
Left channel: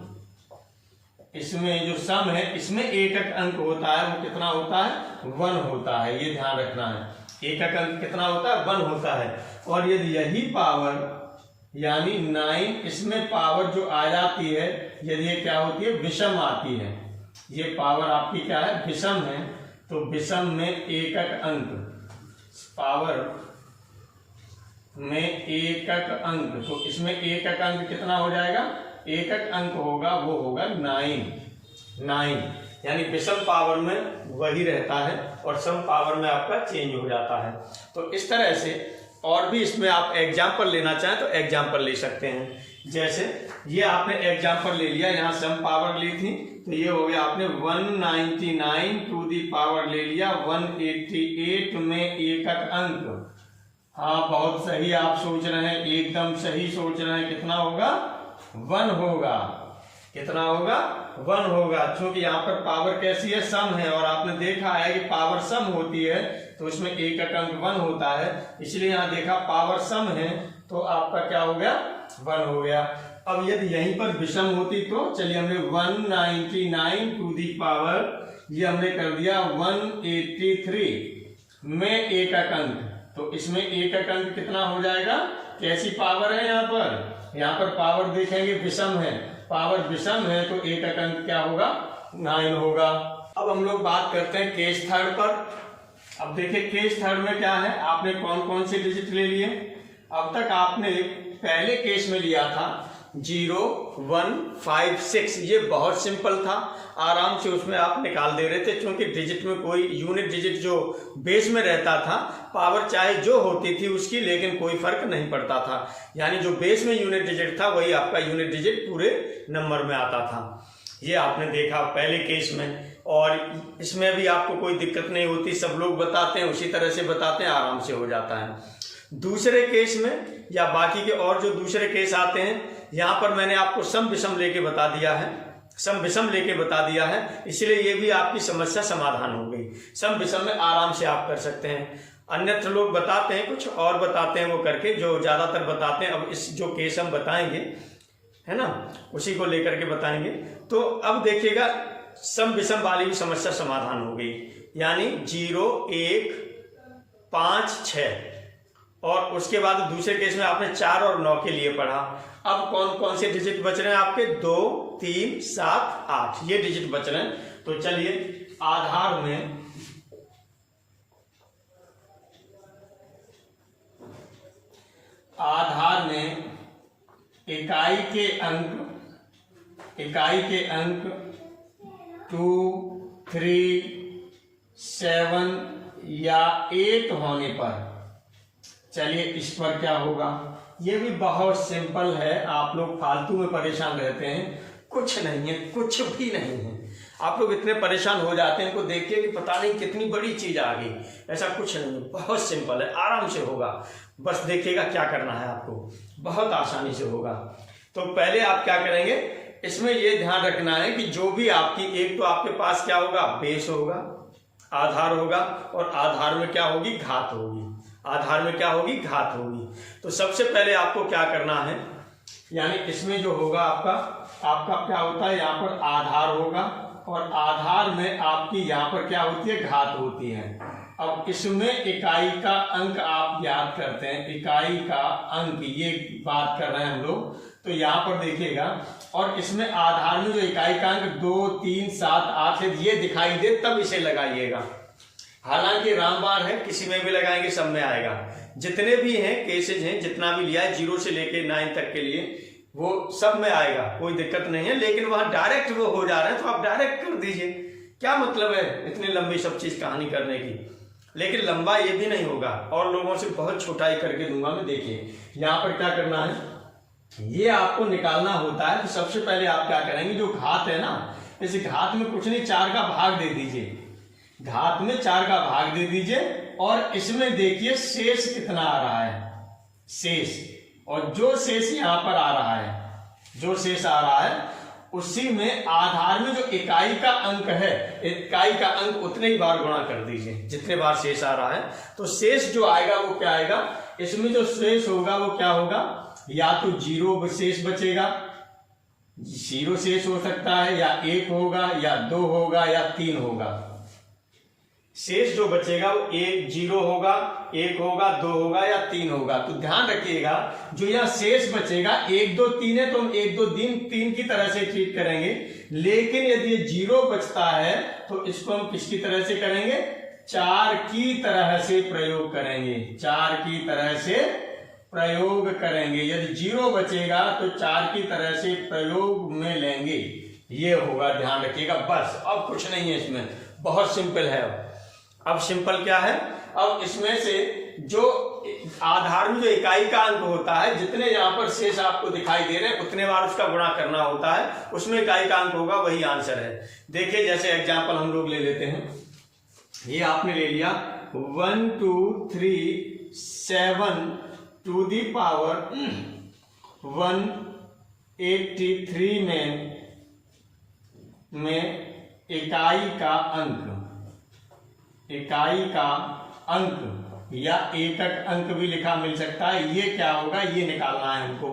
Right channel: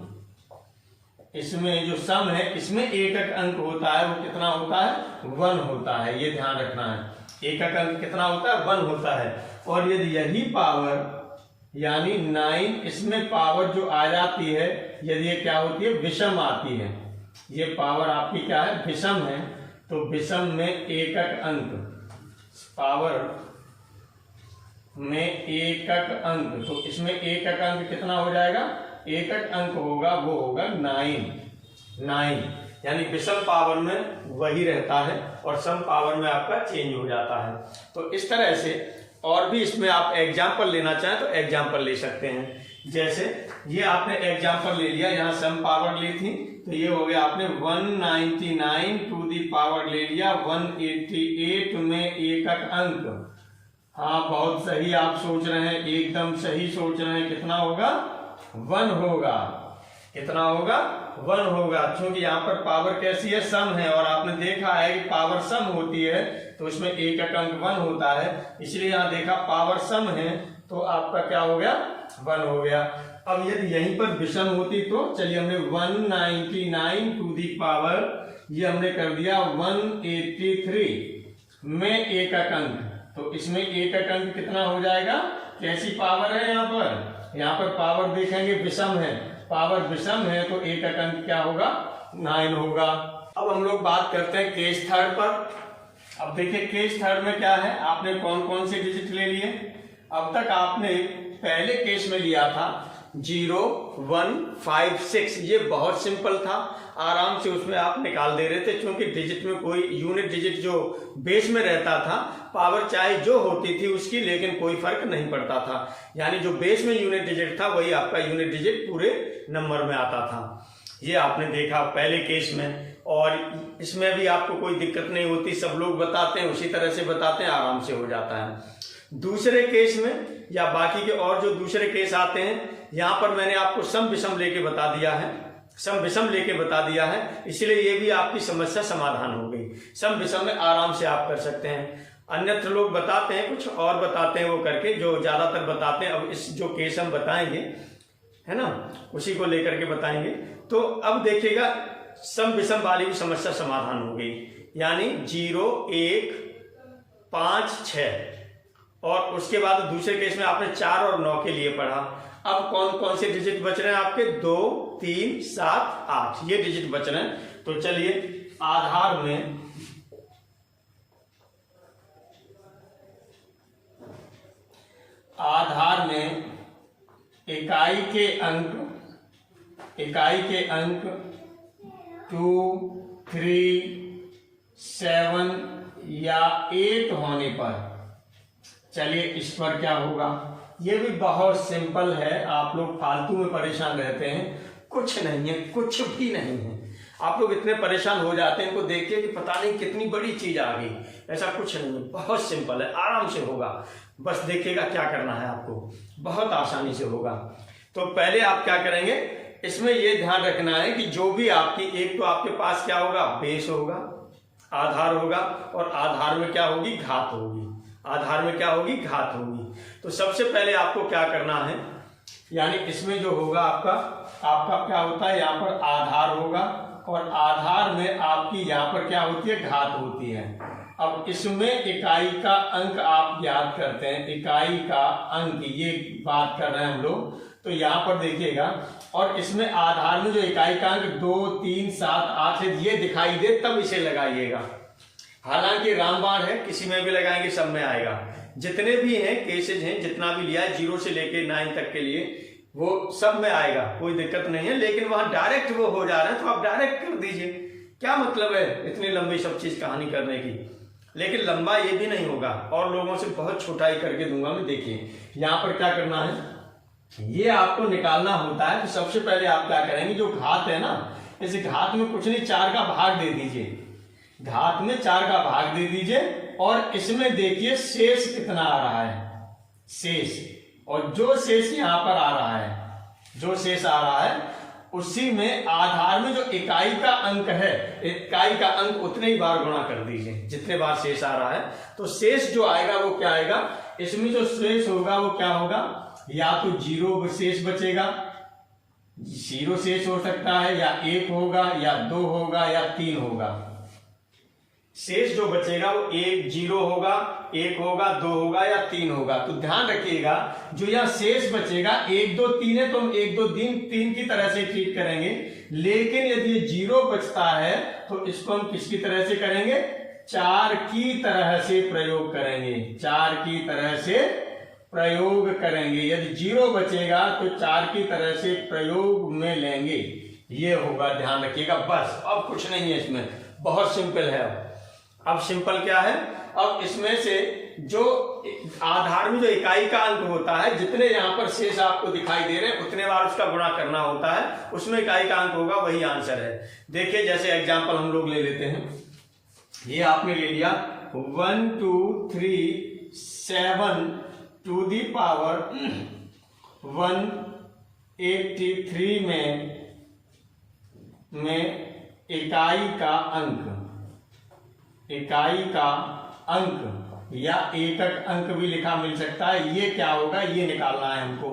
इसमें जो सम है इसमें एकक अंक होता है वो कितना होता है 1 होता है, ये ध्यान रखना है। एकक अंक कितना होता है 1 होता है। और यदि यही पावर यानी 9 इसमें पावर जो आ जाती है यदि ये क्या होती है विषम आती है, ये पावर आपकी क्या है विषम है, तो विषम में एकक अंक पावर में एकक अंक, तो इसमें एकक अंक कितना हो जाएगा, एकक अंक होगा वो होगा 9 यानी विषम पावर में वही रहता है और सम पावर में आपका चेंज हो जाता है। तो इस तरह से और भी इसमें आप एग्जाम्पल लेना चाहें तो एग्जाम्पल ले सकते हैं। जैसे ये आपने एग्जाम्पल ले लिया, यहाँ सम पावर ली थी तो ये हो गया आपने 199 टू दी पावर ले लिया 188 में एकक अंक। हाँ बहुत सही आप सोच रहे हैं, एकदम सही सोच रहे हैं। कितना होगा 1 होगा, कितना होगा 1 होगा, क्योंकि यहाँ पर पावर कैसी है सम है और आपने देखा है कि पावर सम होती है तो उसमें एकक अंक 1 होता है, इसलिए यहाँ देखा पावर सम है तो आपका क्या हो गया 1 हो गया। अब यदि यहीं पर विषम होती तो चलिए हमने 199 टू दी पावर ये हमने कर दिया 183 में एकक अंक, तो इसमें एकक अंक कितना हो जाएगा, कैसी पावर है यहाँ पर पावर देखेंगे विषम है, पावर विषम है तो एकक अंक क्या होगा 9 होगा। अब हम लोग बात करते हैं केस थर्ड पर। अब देखिए केस थर्ड में क्या है, आपने कौन कौन से डिजिट ले लिए। अब तक आपने पहले केस में लिया था 0 1 5 6, ये बहुत सिंपल था, आराम से उसमें आप निकाल दे रहे थे क्योंकि डिजिट में कोई यूनिट डिजिट जो बेस में रहता था पावर चाहे जो होती थी उसकी लेकिन कोई फर्क नहीं पड़ता था, यानी जो बेस में यूनिट डिजिट था वही आपका यूनिट डिजिट पूरे नंबर में आता था। ये आपने देखा पहले केस में और इसमें भी आपको कोई दिक्कत नहीं होती, सब लोग बताते हैं उसी तरह से बताते हैं, आराम से हो जाता है। दूसरे केस में या बाकी के और जो दूसरे केस आते हैं यहाँ पर मैंने आपको सम विषम लेके बता दिया है, सम विषम लेके बता दिया है, इसलिए ये भी आपकी समस्या समाधान हो गई। सम विषम में आराम से आप कर सकते हैं, अन्यत्र लोग बताते हैं कुछ और बताते हैं वो करके, जो ज्यादातर बताते हैं। अब इस जो केस हम बताएंगे है ना उसी को लेकर के बताएंगे। तो अब देखिएगा सम विषम वाली भी समस्या समाधान हो गई, यानी 0 1 5 6 और उसके बाद दूसरे केस में आपने 4 और 9 के लिए पढ़ा। अब कौन कौन से डिजिट बच रहे हैं आपके 2 3 7 8 ये डिजिट बच रहे हैं। तो चलिए आधार में इकाई के अंक 2 3 7 या 8 होने पर चलिए इस पर क्या होगा, ये भी बहुत सिंपल है। आप लोग फालतू में परेशान रहते हैं, कुछ नहीं है, कुछ भी नहीं है। आप लोग इतने परेशान हो जाते हैं इनको देखिए कि पता नहीं कितनी बड़ी चीज आ गई, ऐसा कुछ नहीं है, बहुत सिंपल है, आराम से होगा। बस देखिएगा क्या करना है आपको, बहुत आसानी से होगा। तो पहले आप क्या करेंगे, इसमें ये ध्यान रखना है कि जो भी आपकी एक तो आपके पास क्या होगा बेस होगा, आधार होगा और आधार में क्या होगी घात होगी, आधार में क्या होगी घात होगी। तो सबसे पहले आपको क्या करना है, यानी इसमें जो होगा आपका क्या होता है, यहाँ पर आधार होगा और आधार में आपकी यहाँ पर क्या होती है घात होती है। अब इसमें इकाई का अंक आप याद करते हैं, इकाई का अंक ये बात कर रहे हैं हम लोग, तो यहाँ पर देखिएगा। और इसमें आधार में जो इकाई का अंक 2 3 7 8 है ये दिखाई दे तब इसे लगाइएगा। हालांकि रामबाण है, किसी में भी लगाएंगे सब में आएगा। जितने भी हैं केसेज हैं, जितना भी लिया है 0 से लेके 9 तक के लिए वो सब में आएगा, कोई दिक्कत नहीं है। लेकिन वहां डायरेक्ट वो हो जा रहे हैं तो आप डायरेक्ट कर दीजिए, क्या मतलब है इतनी लंबी सब चीज कहानी करने की। लेकिन लंबा ये भी नहीं होगा और लोगों से बहुत छोटा ही करके दूंगा मैं। देखिए यहाँ पर क्या करना है, ये आपको निकालना होता है। तो सबसे पहले आप क्या करेंगे, जो घात है ना, इस घात में कुछ नहीं 4 का भाग दे दीजिए, घात में 4 का भाग दे दीजिए और इसमें देखिए शेष कितना आ रहा है, शेष। और जो शेष यहाँ पर आ रहा है, जो शेष आ रहा है उसी में आधार में जो इकाई का अंक है, इकाई का अंक उतने ही बार गुणा कर दीजिए जितने बार शेष आ रहा है। तो शेष जो आएगा वो क्या आएगा, इसमें जो शेष होगा वो क्या होगा, या तो 0 शेष बचेगा जीरो शेष हो सकता है, या 1 होगा, या 2 होगा, या 3 होगा। शेष जो बचेगा वो 1 0 होगा, 1 होगा, 2 होगा, या 3 होगा। तो ध्यान रखिएगा जो यह शेष बचेगा 1 2 3 है तो हम 1 2 3 की तरह से ट्रीट करेंगे। लेकिन यदि ये 0 बचता है तो इसको हम किसकी तरह से करेंगे? 4 की तरह से प्रयोग करेंगे। 4 की तरह से प्रयोग करेंगे। यदि 0 बचेगा तो 4 की तरह से प्रयोग में लेंगे। ये होगा, ध्यान रखिएगा। बस, अब कुछ नहीं है इसमें, बहुत सिंपल है। अब सिंपल क्या है? अब इसमें से जो आधारभूत जो इकाई का अंक होता है, जितने यहाँ पर शेष आपको दिखाई दे रहे हैं उतने बार उसका गुणा करना होता है, उसमें इकाई का अंक होगा, वही आंसर है। देखिए जैसे एग्जांपल हम लोग ले लेते हैं। ये आपने ले लिया 1 2 3 7 टू दी पावर 183 में इकाई का अंक या एकक अंक भी लिखा मिल सकता है। ये क्या होगा, ये निकालना है हमको।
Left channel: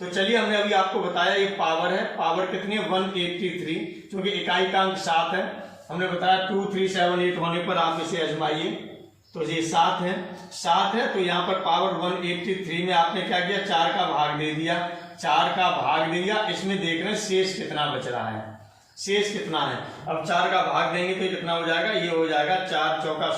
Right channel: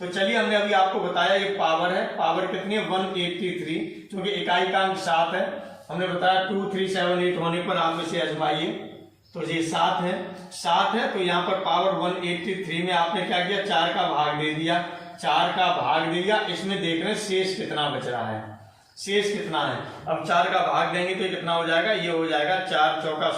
तो चलिए, हमने अभी आपको बताया ये पावर है। पावर कितनी है? 183, क्योंकि इकाई का अंक 7 है। हमने बताया 2 3 7 8 होने पर आप इसे आजमाइए। तो ये 7 है तो यहाँ पर पावर 183 में आपने क्या किया? 4 का भाग दे दिया। 4 का भाग दे दिया। इसमें देख रहे हैं शेष कितना बच रहा है। शेष कितना है? अब 4 का भाग देंगे तो कितना हो जाएगा? ये हो जाएगा 4 चौका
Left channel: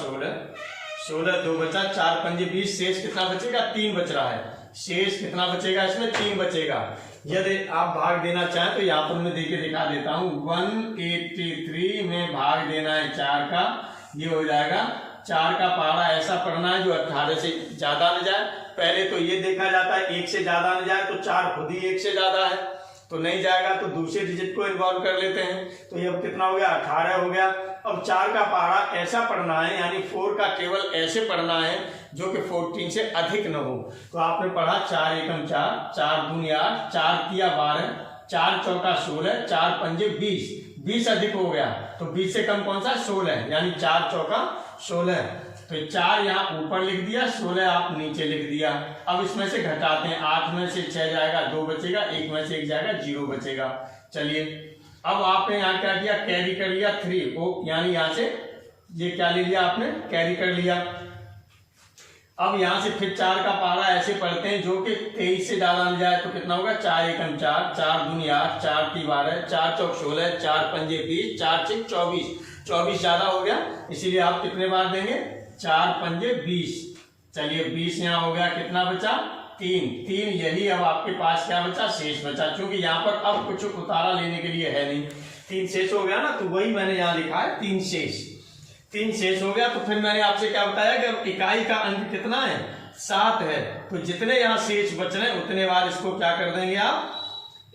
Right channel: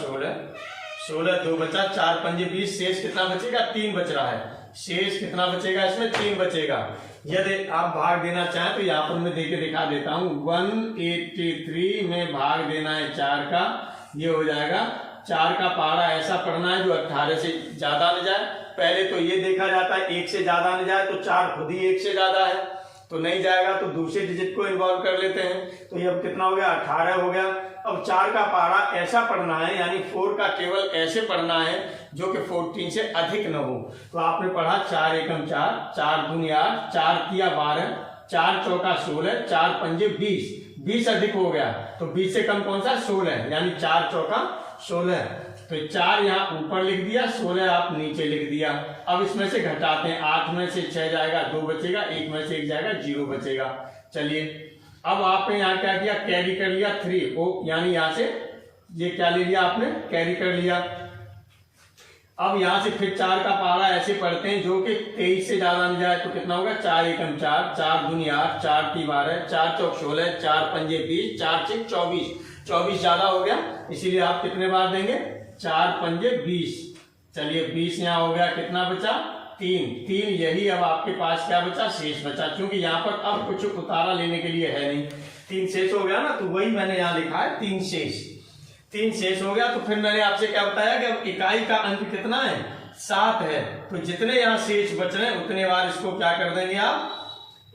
16 2 बचा, 4 पंजे 20। शेष कितना बचेगा? 3 बच रहा है। शेष कितना बचेगा? इसमें 3 बचेगा। यदि आप भाग देना चाहें तो यहाँ पर मैं देके दिखा देता हूँ। 183 में भाग देना है 4 का, ये हो जाएगा 4 का पहाड़ा ऐसा पढ़ना है जो 18 से ज्यादा न जाए। पहले तो ये देखा जाता है 1 से ज्यादा न जाए, तो 4 खुद ही 1 से ज्यादा है तो नहीं जाएगा, तो दूसरे डिजिट को इन्वॉल्व कर लेते हैं। तो ये अब कितना हो गया? 18 हो गया। अब 4 का पहाड़ा ऐसा पढ़ना है, यानी 4 का केवल ऐसे पढ़ना है जो कि 14 से अधिक न हो। तो आपने पढ़ा 4 एकम 4, 4 दूनी 8, 4 तिया 12, 4 चौका 16, 4 पंजे 20। 20 अधिक हो गया तो 20 से कम कौन सा? 16, यानी 4 चौका 16। तो 4 यहाँ ऊपर लिख दिया, 16 आप नीचे लिख दिया। अब इसमें से घटाते हैं। 8 में से 6 जाएगा, 2 बचेगा, 1 में से 1 जाएगा, 0 बचेगा। चलिए, अब आपने यहाँ क्या किया? कैरी कर लिया 3 ओ, यानी यहाँ से ये क्या ले लिया आपने? कैरी कर लिया। अब यहाँ से फिर 4 का पहाड़ा ऐसे पढ़ते हैं जो कि 23 से ज्यादा न जाए। तो कितना होगा? 4 एकम 4, 4 दूनी 8, 4 ती 12, 4 चौक 16, 4 पंजे 20, 4 छिक 24। 24 ज्यादा हो गया, इसीलिए आप कितने बार देंगे? 4 पंजे 20। चलिए 20 यहाँ हो गया, कितना बचा? 3। यही अब आपके पास क्या बचा? शेष बचा। क्योंकि यहाँ पर अब कुछ उतारा लेने के लिए है नहीं, 3 शेष हो गया ना, तो वही मैंने यहाँ लिखा है 3 शेष हो गया। तो फिर मैंने आपसे क्या बताया कि अब इकाई का अंक कितना है? 7 है। तो जितने यहाँ शेष बच रहे हैं उतने बार इसको क्या कर देंगे आप?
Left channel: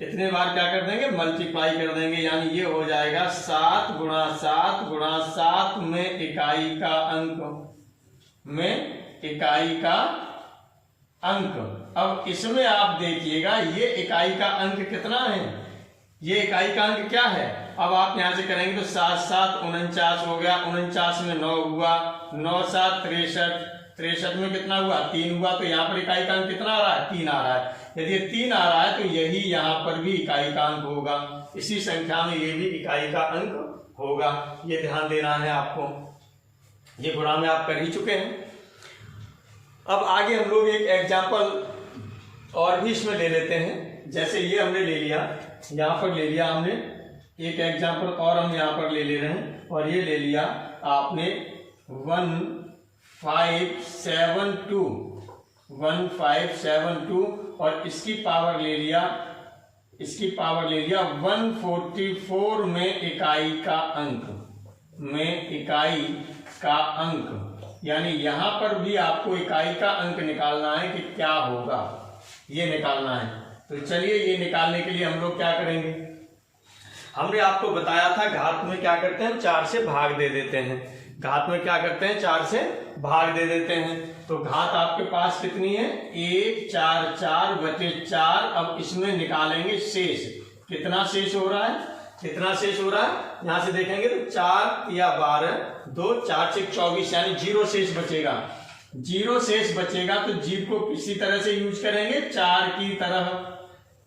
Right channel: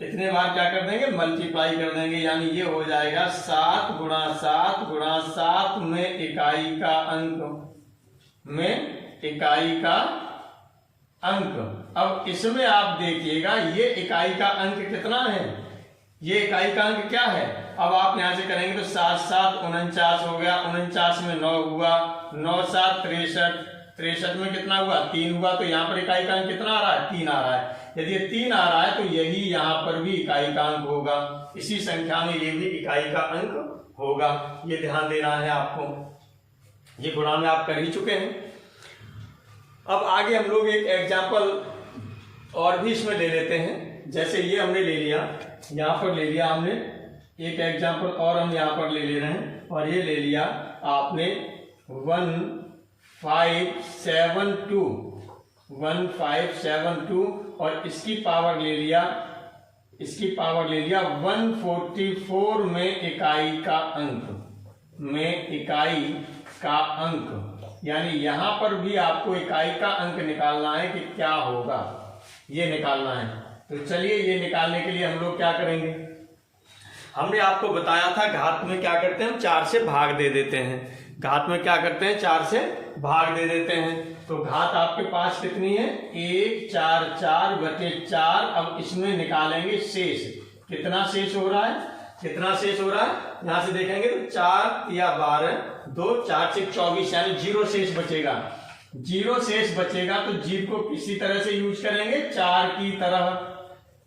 इतने बार क्या कर देंगे? मल्टीप्लाई कर देंगे। यानी ये हो जाएगा 7 गुणा 7 गुणा 7 में इकाई का अंक। अब इसमें आप देखिएगा ये इकाई का अंक कितना है? ये इकाई का अंक क्या है? अब आप यहां से करेंगे तो 7 7 49 हो गया। 49 में 9 हुआ, 9 7 63, 63 में कितना हुआ? 3 हुआ। तो यहाँ पर इकाई का अंक कितना आ रहा है? 3 आ रहा है। यदि 3 आ रहा है तो यही यहाँ पर भी इकाई का अंक होगा। इसी संख्या में ये भी इकाई का अंक होगा। ये ध्यान देना है आपको। ये गुणा में आप कर ही चुके हैं। अब आगे हम लोग एक एग्जाम्पल और भी इसमें ले लेते हैं। जैसे ये हमने ले लिया, यहाँ पर ले लिया हमने एक एग्जाम्पल और हम यहाँ पर ले रहे हैं। और ये ले लिया आपने 1572 और इसकी पावर ले लिया 144 में इकाई का अंक। यानी यहां पर भी आपको इकाई का अंक निकालना है कि क्या होगा, ये निकालना है। तो चलिए, ये निकालने के लिए हम लोग क्या करेंगे? हमने आपको बताया था घात में क्या करते हैं? हम 4 से भाग दे देते हैं। घात में क्या करते हैं? 4 से भाग दे देते हैं। तो घात आपके पास कितनी है? 1 4 4 बटे 4। अब इसमें निकालेंगे शेष। कितना शेष हो रहा है? यहां से देखेंगे तो 4 या 12, 2 4 से 24, यानी 0 शेष बचेगा। 0 शेष बचेगा तो जीव को किसी तरह से यूज करेंगे? 4 की तरह।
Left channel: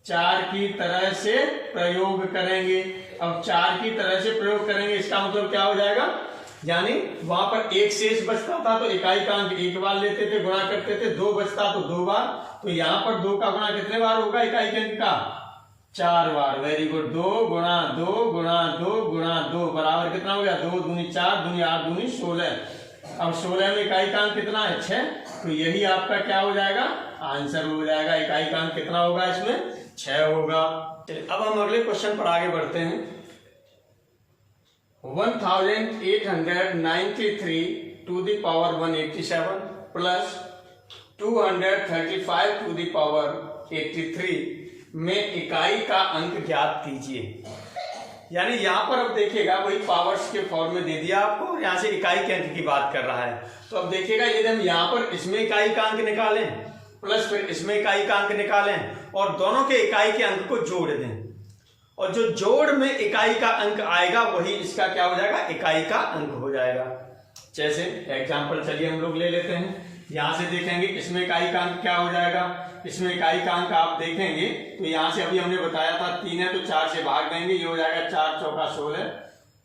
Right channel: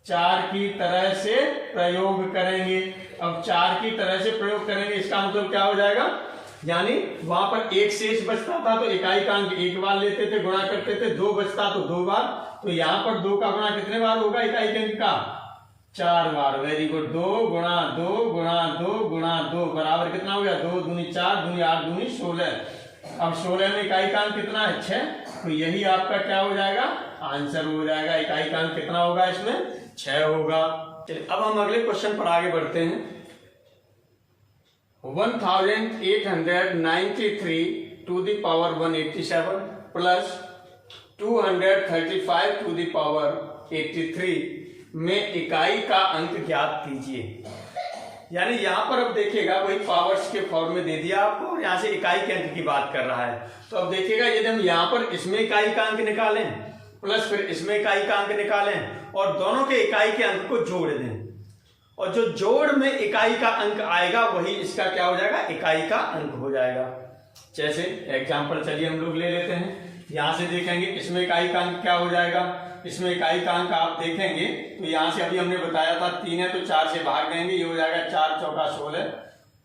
4 की तरह से प्रयोग करेंगे। अब 4 की तरह से प्रयोग करेंगे इसका मतलब क्या हो जाएगा, यानी वहां पर एक शेष बचता था तो इकाई का अंक एक बार लेते थे, गुणा करते थे, 2 बचता तो 2 बार, तो यहाँ पर 2 का गुणा कितने बार होगा इकाई के अंक का, 4 बार। Very good. 2 गुणा 2 गुणा 2 गुणा 2 बराबर कितना हो गया, 2 दूनी 4 दूनी 8 दूनी 16। अब 16 में इकाई का अंक कितना है, 6, तो यही आपका क्या हो जाएगा, आंसर हो जाएगा। इकाई का अंक कितना होगा इसमें, 6 होगा। चलिए अब हम अगले क्वेश्चन पर आगे बढ़ते हैं। 1893 to the power 187 plus 235 to the power 83 में इकाई का अंक ज्ञात कीजिए। यानी यहां पर अब देखिएगा वही पावर्स के फॉर्म में दे दिया आपको, और यहां से इकाई के अंक की बात कर रहा है। तो अब देखिएगा यदि हम यहां पर इसमें इकाई का अंक निकालें प्लस फिर इसमें इकाई का अंक निकालें और दोनों के इकाई के अंक को जोड़ दें, और जो जोड़ में इकाई का अंक आएगा वही इसका क्या हो जाएगा, इकाई का अंक हो जाएगा। जैसे एग्जांपल चलिए हम लोग ले लेते हैं। यहां से देखेंगे इसमें इकाई का अंक क्या हो जाएगा, इसमें इकाई का अंक आप देखेंगे तो यहां से अभी हमने बताया था 3 है तो 4 से भाग देंगे, ये हो जाएगा 4 चौका 16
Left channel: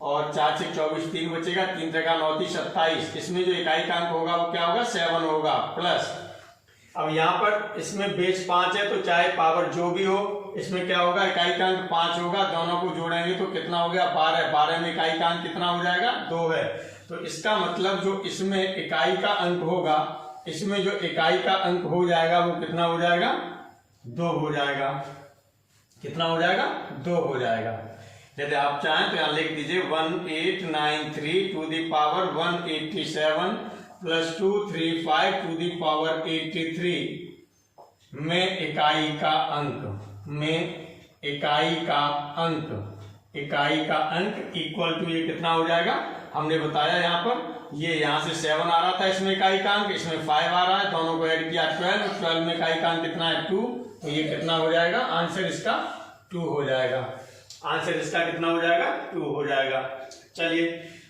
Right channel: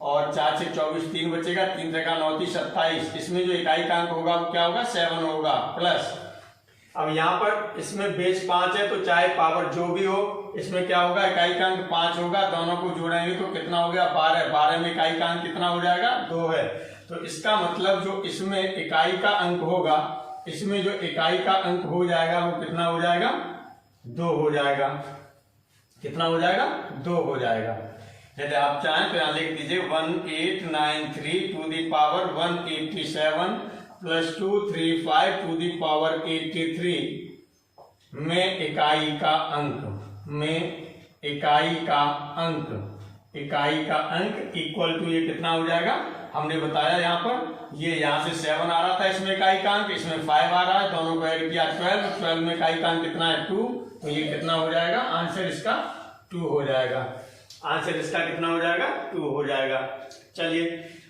और 4 से 24, 3 बचेगा, 3 त्रिका 9 30 27। इसमें जो इकाई का अंक होगा वो क्या होगा, 7 होगा। प्लस अब यहाँ पर इसमें बेस 5 है तो चाहे पावर जो भी हो इसमें क्या होगा, इकाई का अंक 5 होगा। दोनों को जोड़ेंगे तो कितना हो गया, 12। 12 में इकाई का अंक कितना हो जाएगा, 2 है। तो इसका मतलब जो इसमें इकाई का अंक होगा, इसमें जो इकाई का अंक हो जाएगा वो कितना हो जाएगा, 2 हो जाएगा। कितना हो जाएगा, 2 हो जाएगा। यदि आप चाहें तो यहां लिख दीजिए 1893 to the power 187 plus 235 to the power 83 में इकाई का अंक, में इकाई का अंक, इकाई का अंक इक्वल टू ये कितना हो जाएगा, हमने बताया यहाँ पर ये यहाँ से 7 आ रहा था इसमें इकाई का अंक, इसमें 5 आ रहा है, दोनों को ऐड किया 12, 12 में इकाई का अंक कितना है, 2, तो ये कितना हो जाएगा, आंसर इसका 2 हो जाएगा। आंसर इसका कितना हो जाएगा, 2 हो जाएगा। चलिए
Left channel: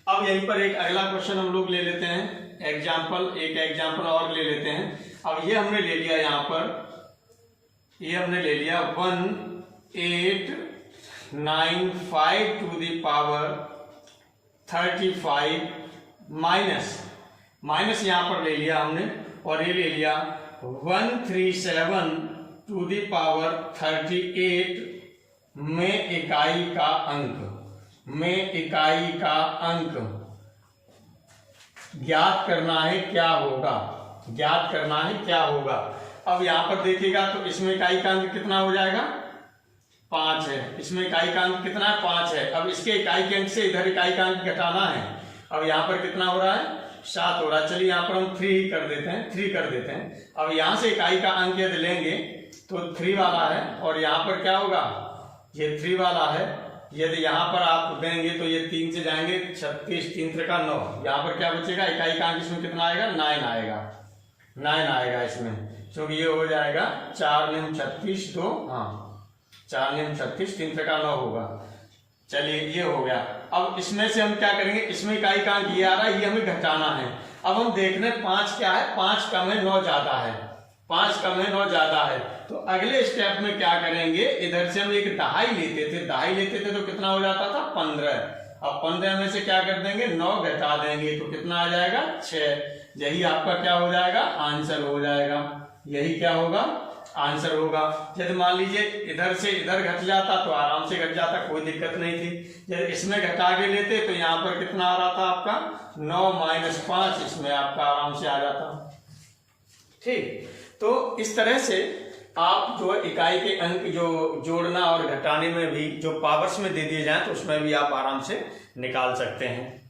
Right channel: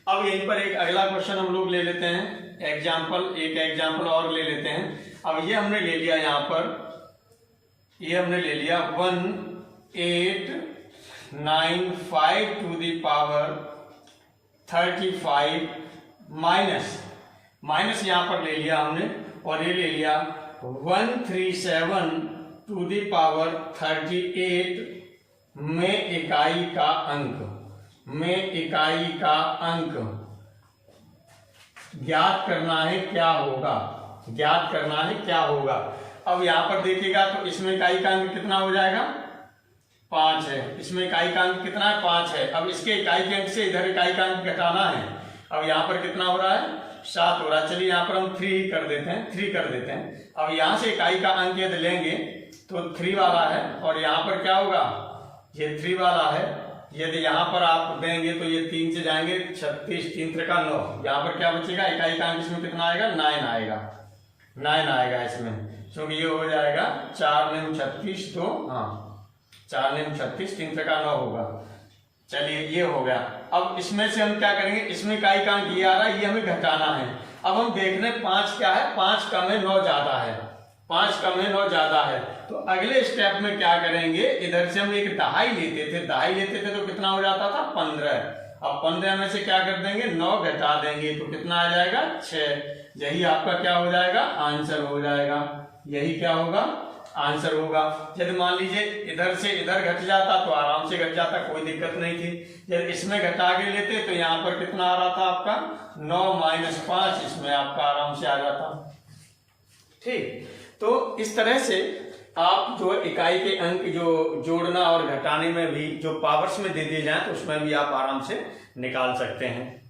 अब यहीं पर एक अगला क्वेश्चन हम लोग ले लेते हैं, एग्जाम्पल, एक एग्जाम्पल और ले लेते हैं। अब ये हमने ले लिया यहाँ पर, ये हमने ले लिया 1895 टू द पावर 35 माइनस यहाँ पर ले लिया हमने, और ये ले लिया 137 टू द पावर 38 में इकाई का अंक, में इकाई का अंक ज्ञात करना है क्या होगा, ज्ञात करना है क्या होगा। अब यहां पर देखिएगा तो इसमें इकाई का अंक कितना हो जाएगा, 5 है। इसमें इकाई का अंक कितना है, 5 है। अब इसके इकाई के अंक से इधर इकाई का अंक घटाना है। अब यहाँ पर कितना हो रहा है, 7 हो रहा है। चलिए यहाँ पर हम 3 कर देते हैं, 3 कर देते हैं। अब यहाँ से इकाई का अंक यदि लेंगे तो 3 वाला है, और यहाँ पर क्या होगा, ये 3 वाला है। यदि यहाँ पर आप देंगे तो ये 3 से जाएंगे 36, 3 त्रिका 9, यहाँ पर क्या बचेगा, इकाई का अंक इसमें कितना आएगा, 9 आएगा, 9 आएगा इसमें। तो ये हो जाएगा 4 9 36, तो हाँ 4 9 36, 3 त्रिका 9 होगा। चलिए ये हो गया। अब इसमें से हम क्या करेंगे, इसमें इकाई का अंक ये आ रहा है, ये हमें घटाना है। अब हम देख रहे हैं 5 क्या है, 5 कम है 9 ज्यादा है, 5 कम है 9 ज्यादा है। तो अगले स्टेप में क्या करेंगे, इधर से हम एक दहाई लेते थे, दहाई लेते थे तो कितना हो जाता था, 15। अब 15 में से क्या कर देंगे, 9 घटा देंगे तो कितना आ जाएगा, 6। यही आपका क्या हो जाएगा, आंसर हो जाएगा। यही क्या होगा, आंसर होगा। यदि मान लीजिए इधर से इधर घट जाता तो आराम से घट जाता, कोई दिक्कत नहीं थी। यदि इसमें घटा के लेते तो यहाँ पर कितना आ रहा था आपका, 9 - 5, इसमें आपका आराम से आ जाता। ठीक, तो इस तरह से आप जो इकाई के अंक जो जोड़ना और घटाने में भी जो पावर्स में दे दिए जाए तो उसमें भी आप आराम से निकाल सकते हैं।